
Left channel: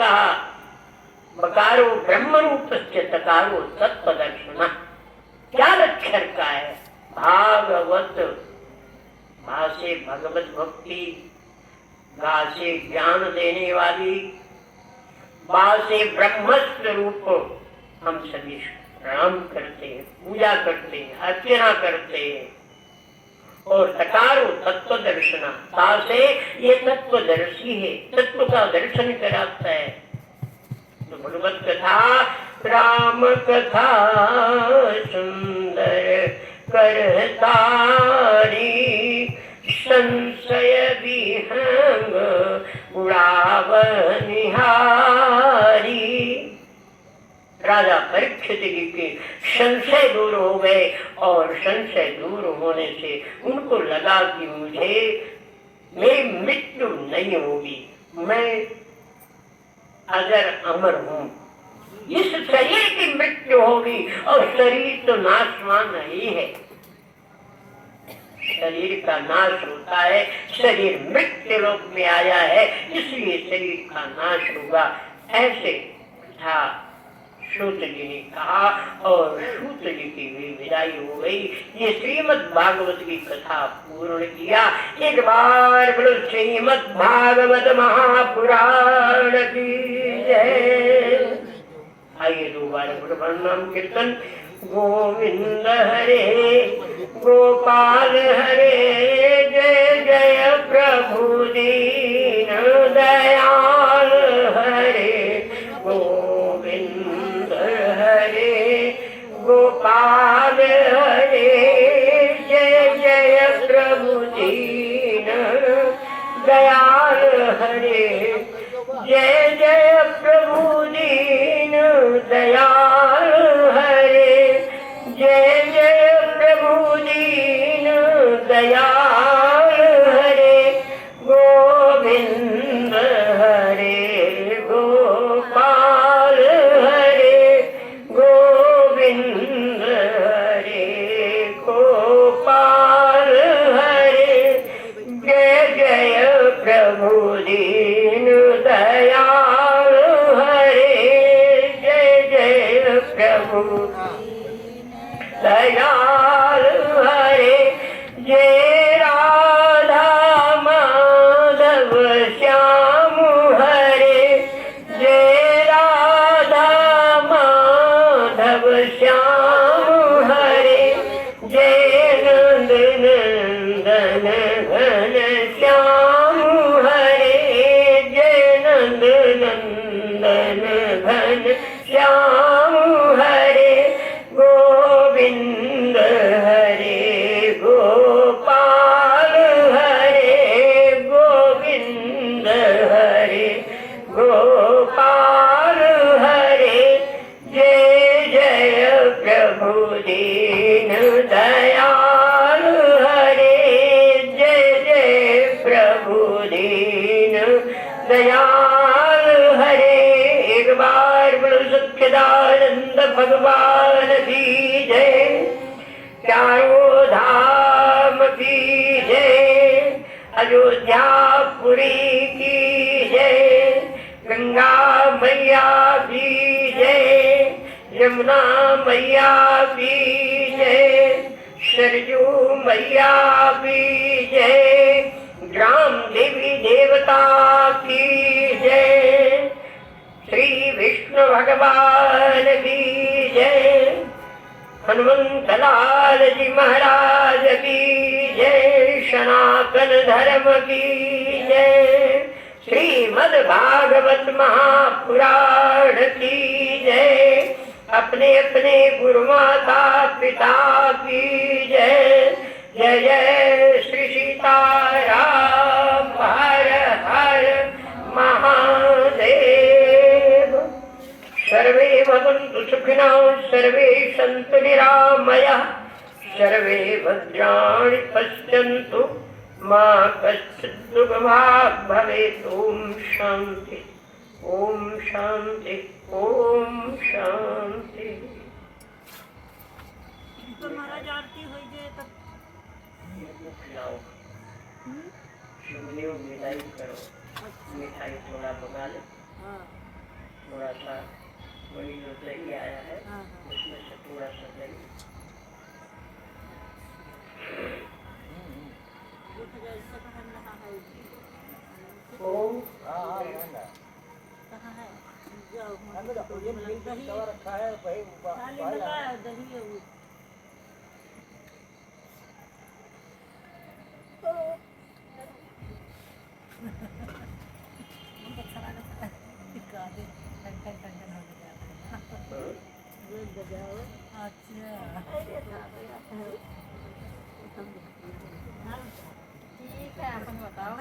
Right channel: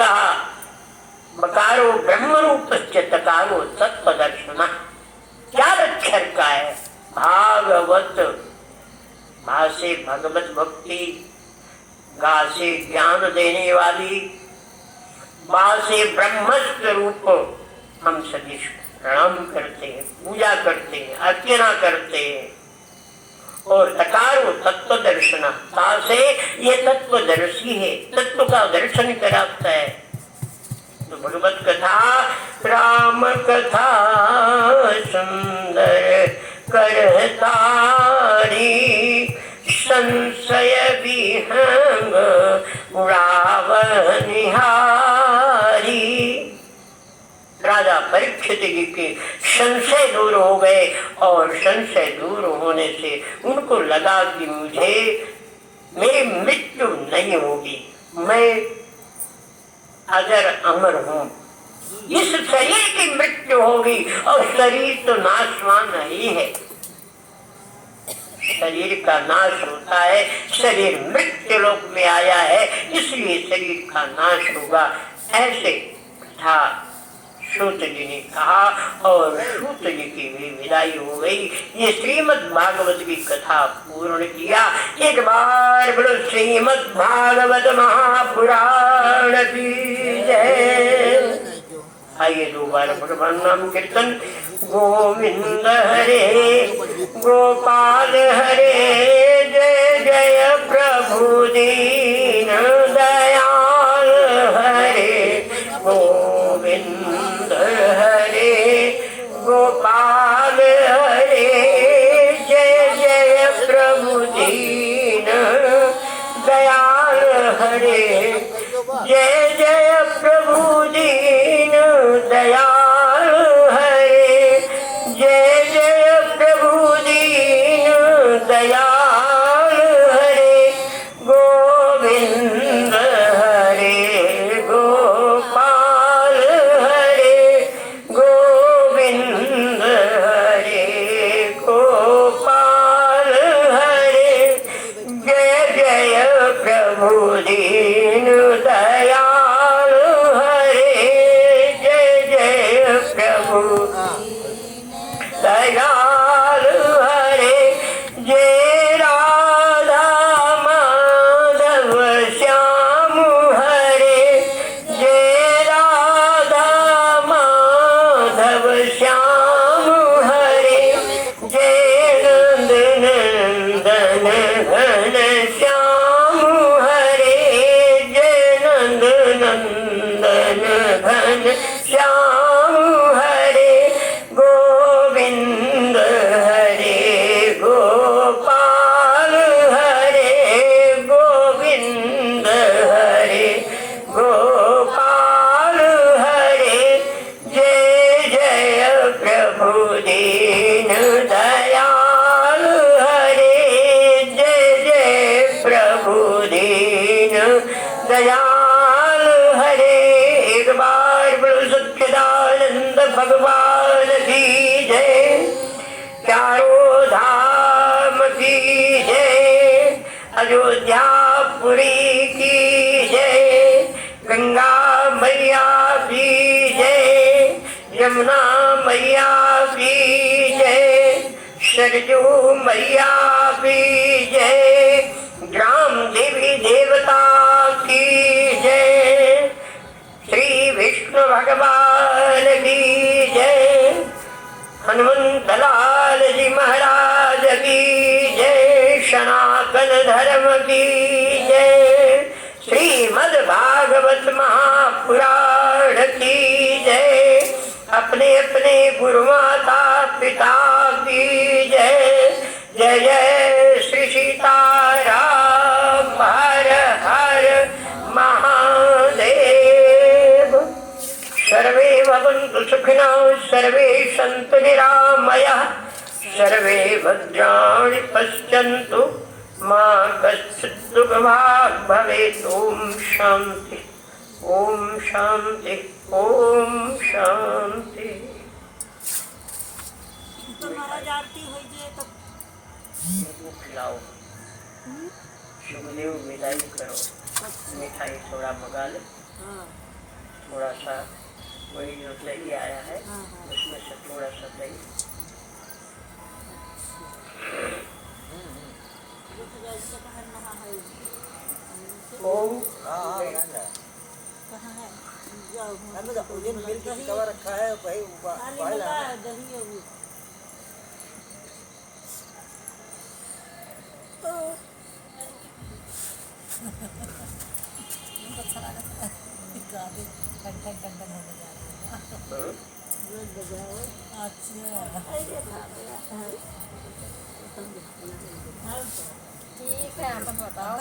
बकारो ब्रह्म रूपस्य, तकारो तत्पदर्शना। 4 अक्षर का है भागवत, भासे भगवत भक्ति, गा से ज्ञान देने वाली, बा से ब्रह्म स्वरूप हम सभी प्रणाम करते हैं, पूजा करते हैं, अर्चना करते हैं। और तकारो तत्व दर्शना, ता से ये तत्वदर्शी है, तत्व का दर्शन कराता है। तो भगवत कथा, राम कथा सुंदर करतारी, संशय विहंग उड़ाव निहारी। राजा परीक्षित जी के संशय दूर हो गए और संशय दूर होने से उनको लगा कि मुझे मेरी मृत्यु नहीं होगी, मैं अगर अमर हूं। इस शरीर की मृत्यु होगी और शरीर तो नाशवान ही है, शरीर का नाश होता है, शरीर मृत्यु लोक में आया है, इसलिए शरीर का नाश होगा। ऐसे था सूत जी ने कहा और सूत जी की भी विदाई हो गई। ये श्रीमद् भागवत की कथा पूर्ण किया। एक बार बोलो श्रीमद् भागवत महापुराण की जय। आइए दोबारा बोलो नाम कीर्तन। गोविंद हरे गोपाल हरे, जय जय प्रभु दीन दयाल हरे। गोविंद हरे गोपाल हरे, जय जय प्रभु दीन दयाल हरे। जय जय प्रभु दीन दयाल हरे, जय जय प्रभु दीन दयाल हरे। गोविंद हरे गोपाल हरे, गोविंद हरे गोपाल हरे। जय जय प्रभु दीन दयाल हरे, जय जय प्रभु दयाल हरे। जय राधा माधव श्याम हरे, जय राधा माधव श्याम हरे। जय नंद नंदन घन श्याम हरे, जय नंद नंदन घन श्याम हरे। गोविंद हरे गोपाल हरे, गोविंद हरे गोपाल हरे। जय जय प्रभु दीन दयाल हरे, जय जय प्रभु दीन दयाल हरे। एक बार बोलो सच्चिदानंद भगवान की जय। चारों धाम की जय। अयोध्यापुरी की जय। गंगा मैया की जय। यमुना मैया की जय। सरजू मैया की जय। ग्राम देवी देवता की जय। श्री विष्णु भगवान की जय। हनुमंत लाल जी महाराज की जय। सनातन धर्म की जय। श्रीमद् भागवत महापुराण की जय। अपने अपने गुरु माता पिता की जय। जय जय श्री सीताराम, हर हर महादेव। सर्वे भवन्तु सुखिनः, सर्वे सन्तु निरामयाः, सर्वे भद्राणि पश्यन्तु, मा कश्चित् दुःखभाग् भवेत्। ओम शांति, ओम शांति, ओम शांति। तो महाराज आरती हो जाए तो खिलाओ, शिवलिंग मिलाई करो, मिठाई थोड़ा मंगा ले, थोड़ा सा वही जो दही आया है उसमें से थोड़ा सा दही। हाँ कहाँ है जाओ, अभी तो पूरी मिल के कवर रखा है भाई खाली मिला है दही है वो। ठीक है तुम बताओ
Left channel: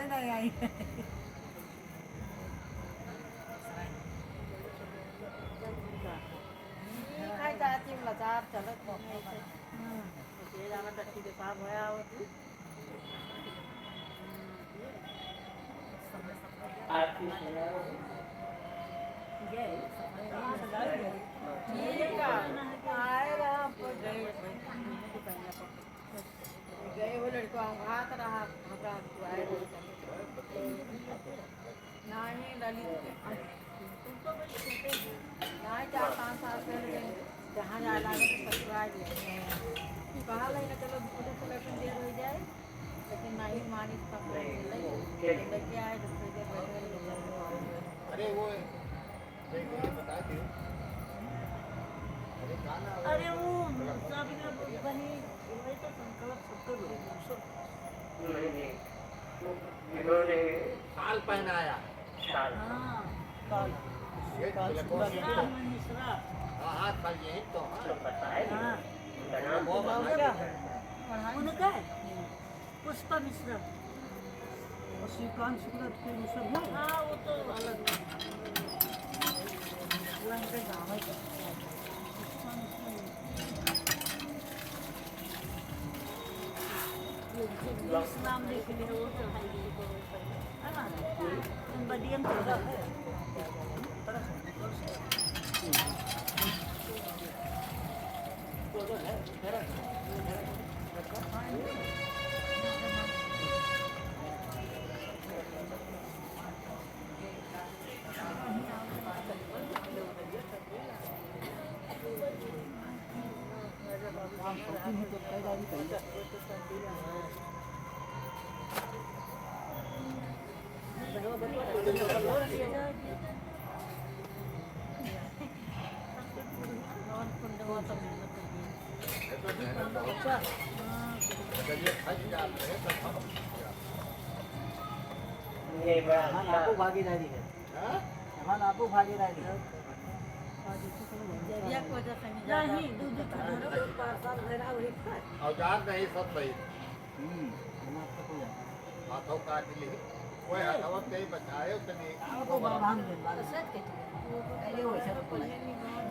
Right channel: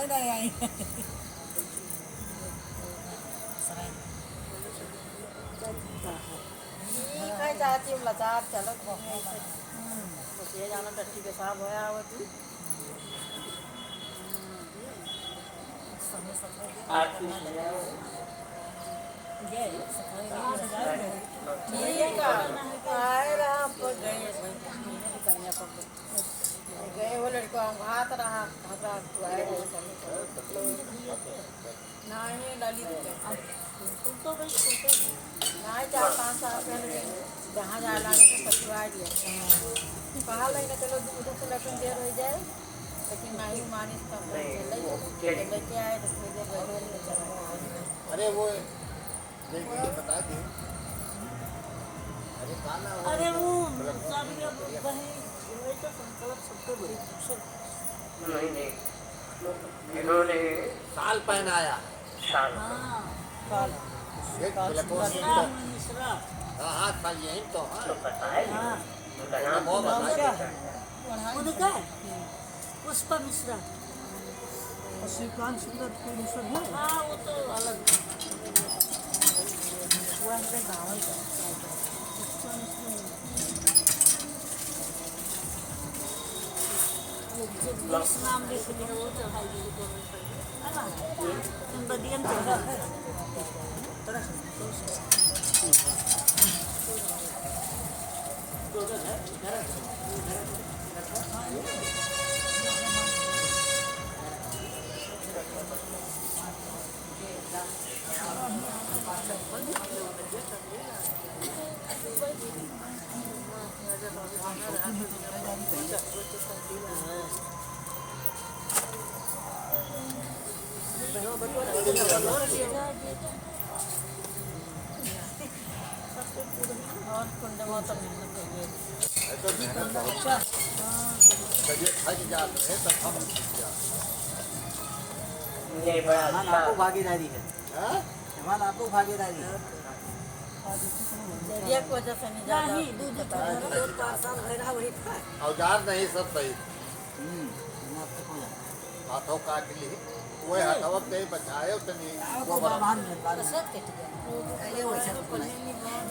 ठीक है चाची बता चलो ये जाना टट्टी के साथ होया आवती आपकी सुना ठीक है आए राम पर गए वो लड़को हम हाथ रहा रात को आए नहीं डाली नहीं 4-5 साल पहले जहाँ जाना ससुराल कहा लगे चलो दूध को लटन देर हो जाए लेकिन नहीं मानिस का लेके आए तो अरे वो देखिए बता दे अरे गाना अरे वो शादी का दही वैसा संकल्प सबको बड़ी खूबसूरत। नहीं इन्होंने साल पहनाया शाल हाँ काल एक पूरा मिश्रा में मिश्रा हाथ खाली यही तो तो बताए हाँ उनका नाम बहुत नाम अच्छा क्या है उनका है पुष्पा मिश्रा। और श्रीकांत सुंदर कोई दूसरा है हाँ वो तो अलग वो हम पे गाँव ही का पुष्पा मिश्रा वो जगदीश नाम लिख लिया वो चढ़ाई गई तो है ना तुम बदियन चढ़ा है अच्छा ये बड़ा हमारा अच्छा आपको भागीदारी है हमारा आपको भागीदारी है चलिए को वजह से नहीं जा नहीं दूध का सब भरा वही खाए औजार नहीं सब भाई हम आपको हो जाए हाथों काट ली वो हथवत नहीं बचाए उतनी वो बाबान बनवा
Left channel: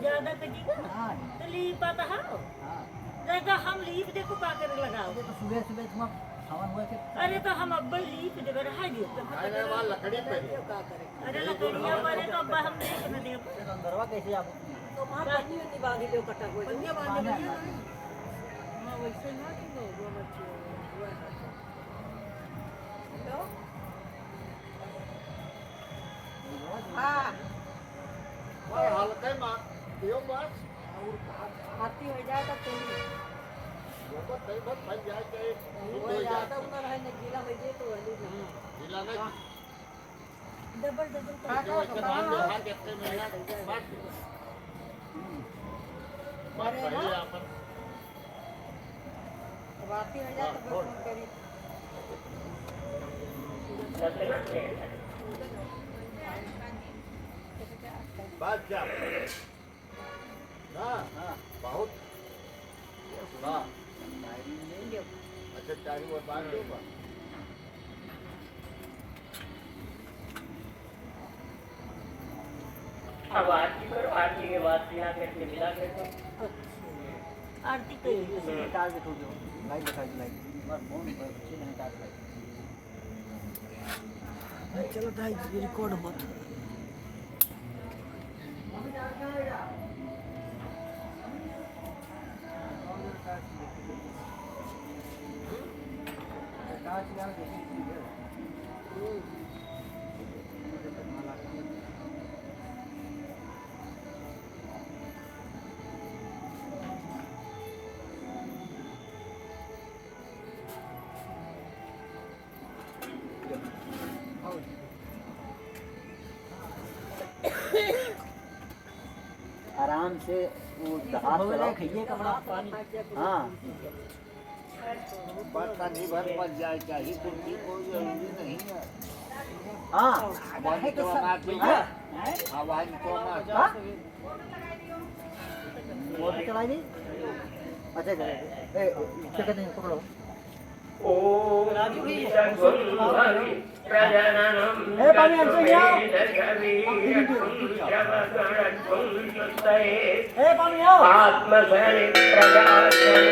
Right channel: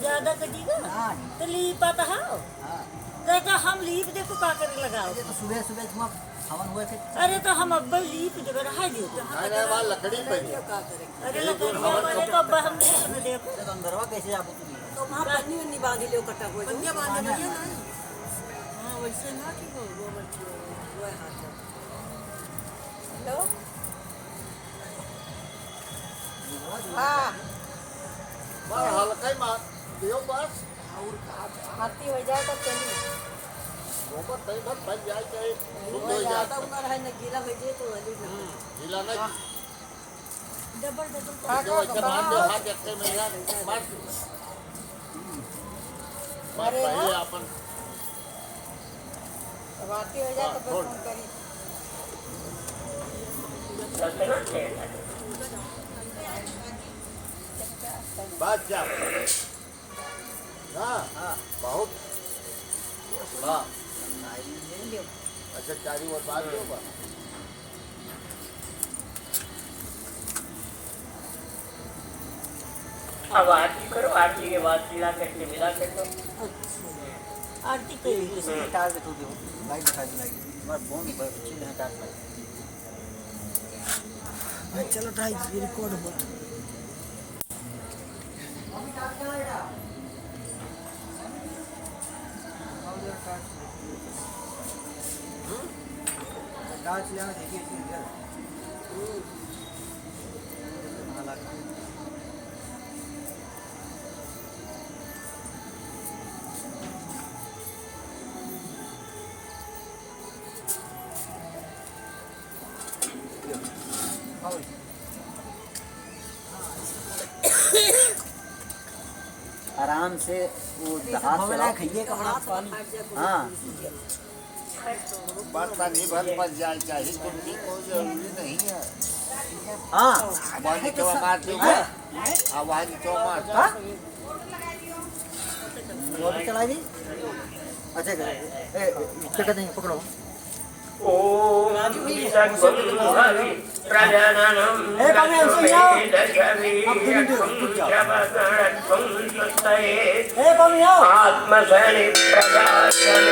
ज्यादा कटीगा ना हाँ तो लीपा तो हाँ हाँ देखा हम लीप देखो का कर लगाओ अरे तो सुबह सुबह धुआं हवन हुआ थे अरे तो हम अब्बा लीप देवे रहा दियो मैंने वहाँ लकड़ी पे अरे लकड़िया अरे तो अब्बा हम देख में देखो तो अंदरवा कैसे आपको तुम्हें तो वहां पन्नी उन्नी बांधी लो कटा हुआ पन्नी बांधे भैया ना हां वैसे ना कि हो गया मच्छी वो हेलो हाँ और हल्के मार दियो बस भर्ती हो जाए तो चलिए वो को तई भर बन जाए चाहे शुद्ध हो जाता उमर है न गीला हो जाए तो वाली ढीला नहीं डबल जो ऐसे मान दो हाथ रखते में यार मार मार पहले अपन भर्ती हो जाए तो फिर फोन करिए बात जा ना बहुत हाँ अच्छा चारी और बात दो बा अब आरती करो आरती के बाद मिला करके मिला करके आरती करी किसी की टारगेट होगी भाई बता दिलाई बार फोन पर चीज है टारगेट चलो ढाई रिकॉर्ड हुआ कांच यहाँ देखिए आराम से वो हाथ से लाओ। खाइए कपड़ा पानी हाँ बर्तन ही भर पर जाए चाहिए क्योंकि कोई जरूरी नहीं है। हाँ आवाज तो मारती है, आवाज तो मारता। वो भी चला दी। अच्छा क्या देंगे पकड़ो। ओम राजू भी प्रजननम ए, पानी हमसे लियाओ। ए पानी आओ आत्मसनि प्रजासनि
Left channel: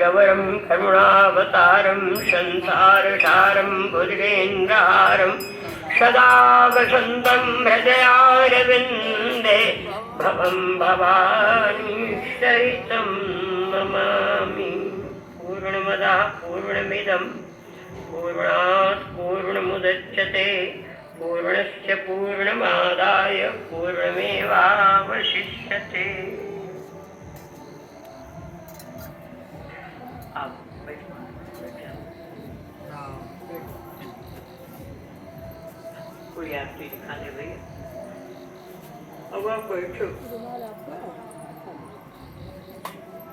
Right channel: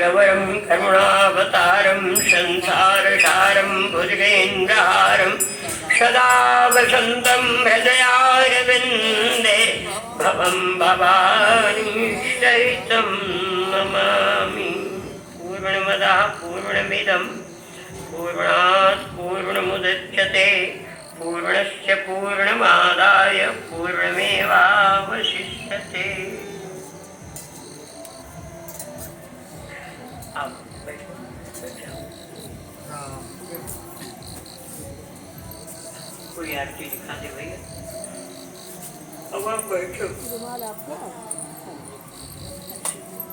रघुवरं करुणावतारं संसारसारं भुजगेन्द्रहारं सदा वसन्तं हृदयारविन्दे भवं भवानी सहितं नमामि। पूर्णमदः पूर्णमिदं पूर्णात् पूर्णमुदच्यते पूर्णस्य पूर्णमादाय पूर्णमेवावशिष्यते। कोई आरती दिखा दे भैया। अब आप बैठो।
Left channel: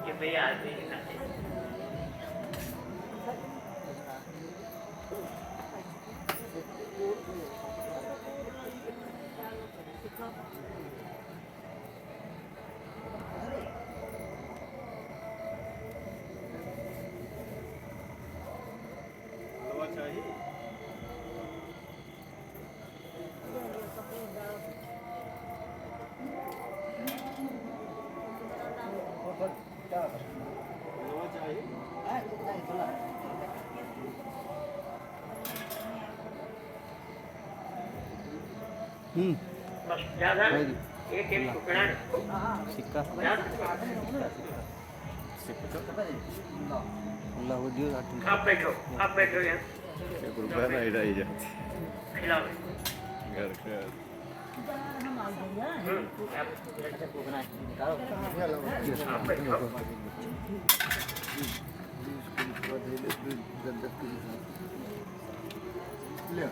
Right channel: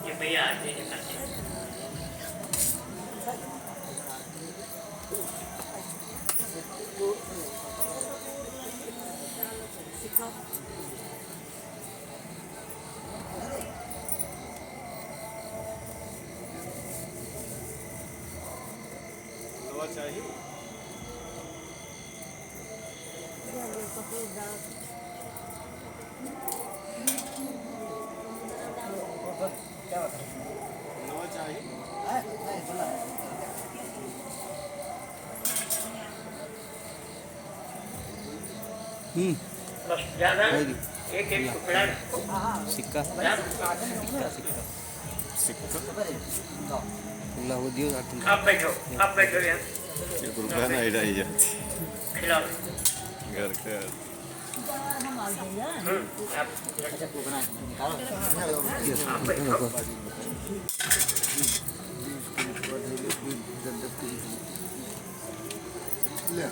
ये भैया आरती दिखा दे। बस ज्यादा एक टुकड़ा सिक्का अल्लाह हो दियो आप बैठो यार रुपया नहीं रही जाती खिलाओ। घर का ले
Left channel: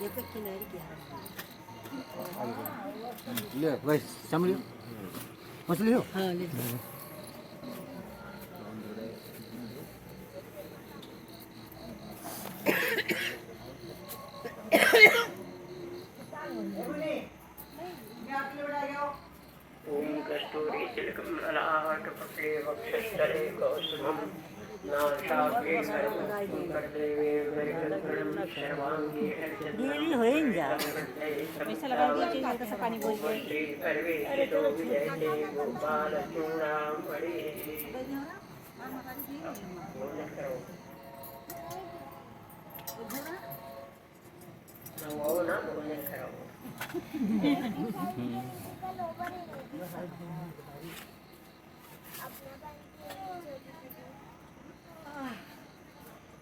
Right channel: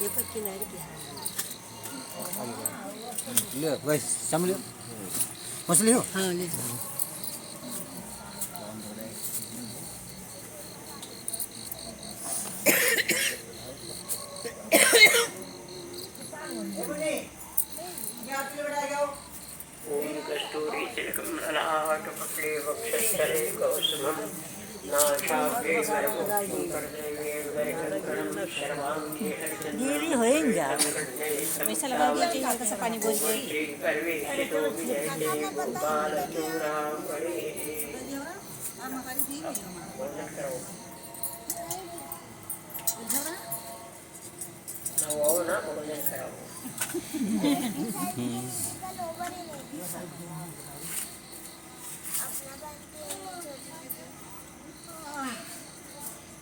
ये पर किनारे क्या ले भाई संभलियो मछली हो। हाँ ले ओम कस्तूरी तिलकम ललाट पटे वक्षस्थले कौसुमं नासाग्रे कर्देवे वैकल्पं शर्वांगे दीदी होएंगे पैसा लगा दिया चाहिए कैसा पानी बोझ गई। अरे चलो गोपाल चूड़ामणि ना बोलने करो।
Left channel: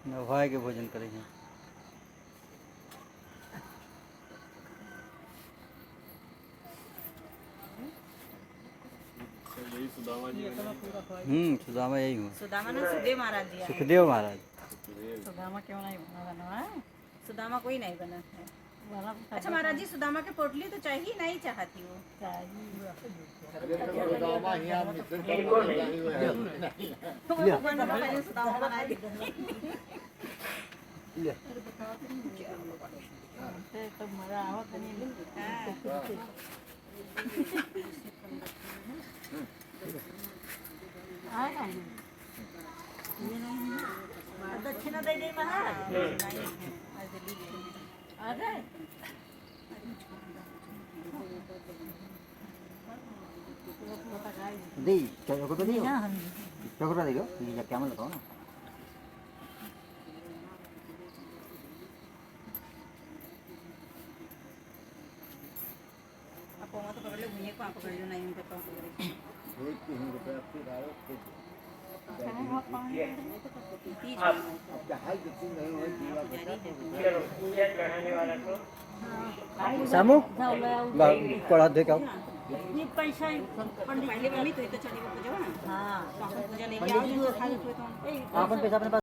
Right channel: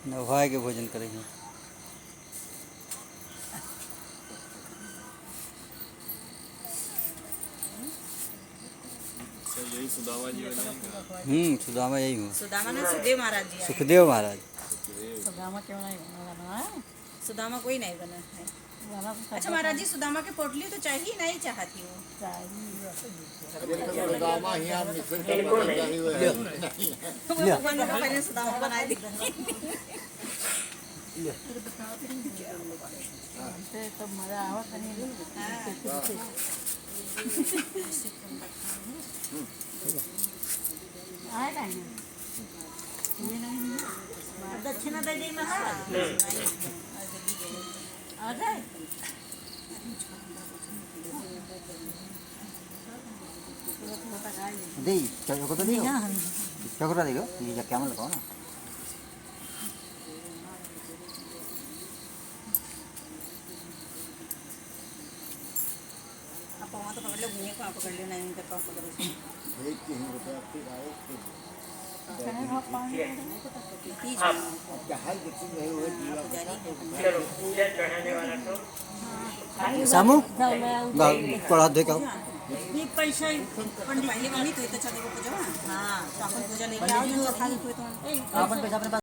नवाय के भोजन करेंगे। सुदामा यही हूँ। सुदामा ने सुदेव महाराज जी सुखदेव महाराज। सुदामा क्यों नहीं बना? सुदामा कोई नहीं बने। अच्छा महाराज जी सुदामा के पोटली तो चाहिए नहीं चाहती हो सुदामा बना दी। मजा आओ दक्षिणा दे दी महाराज आ गए। दी चलो तो दी ना हम क्या कर रहा देखो ये क्या मतलब ना आप वहाँ तो पकड़ लो भैया को आप पकड़ लो नहीं उनका पाँव पकड़ लो। चलो पूजा चढ़ाने वाला तो सामू पढ़ा दे का ये पैसा पंडित पहले वाली तो चलो पूजा। हाँ तो अपन पूजा लेके आओ। अपन पैसा अपने पास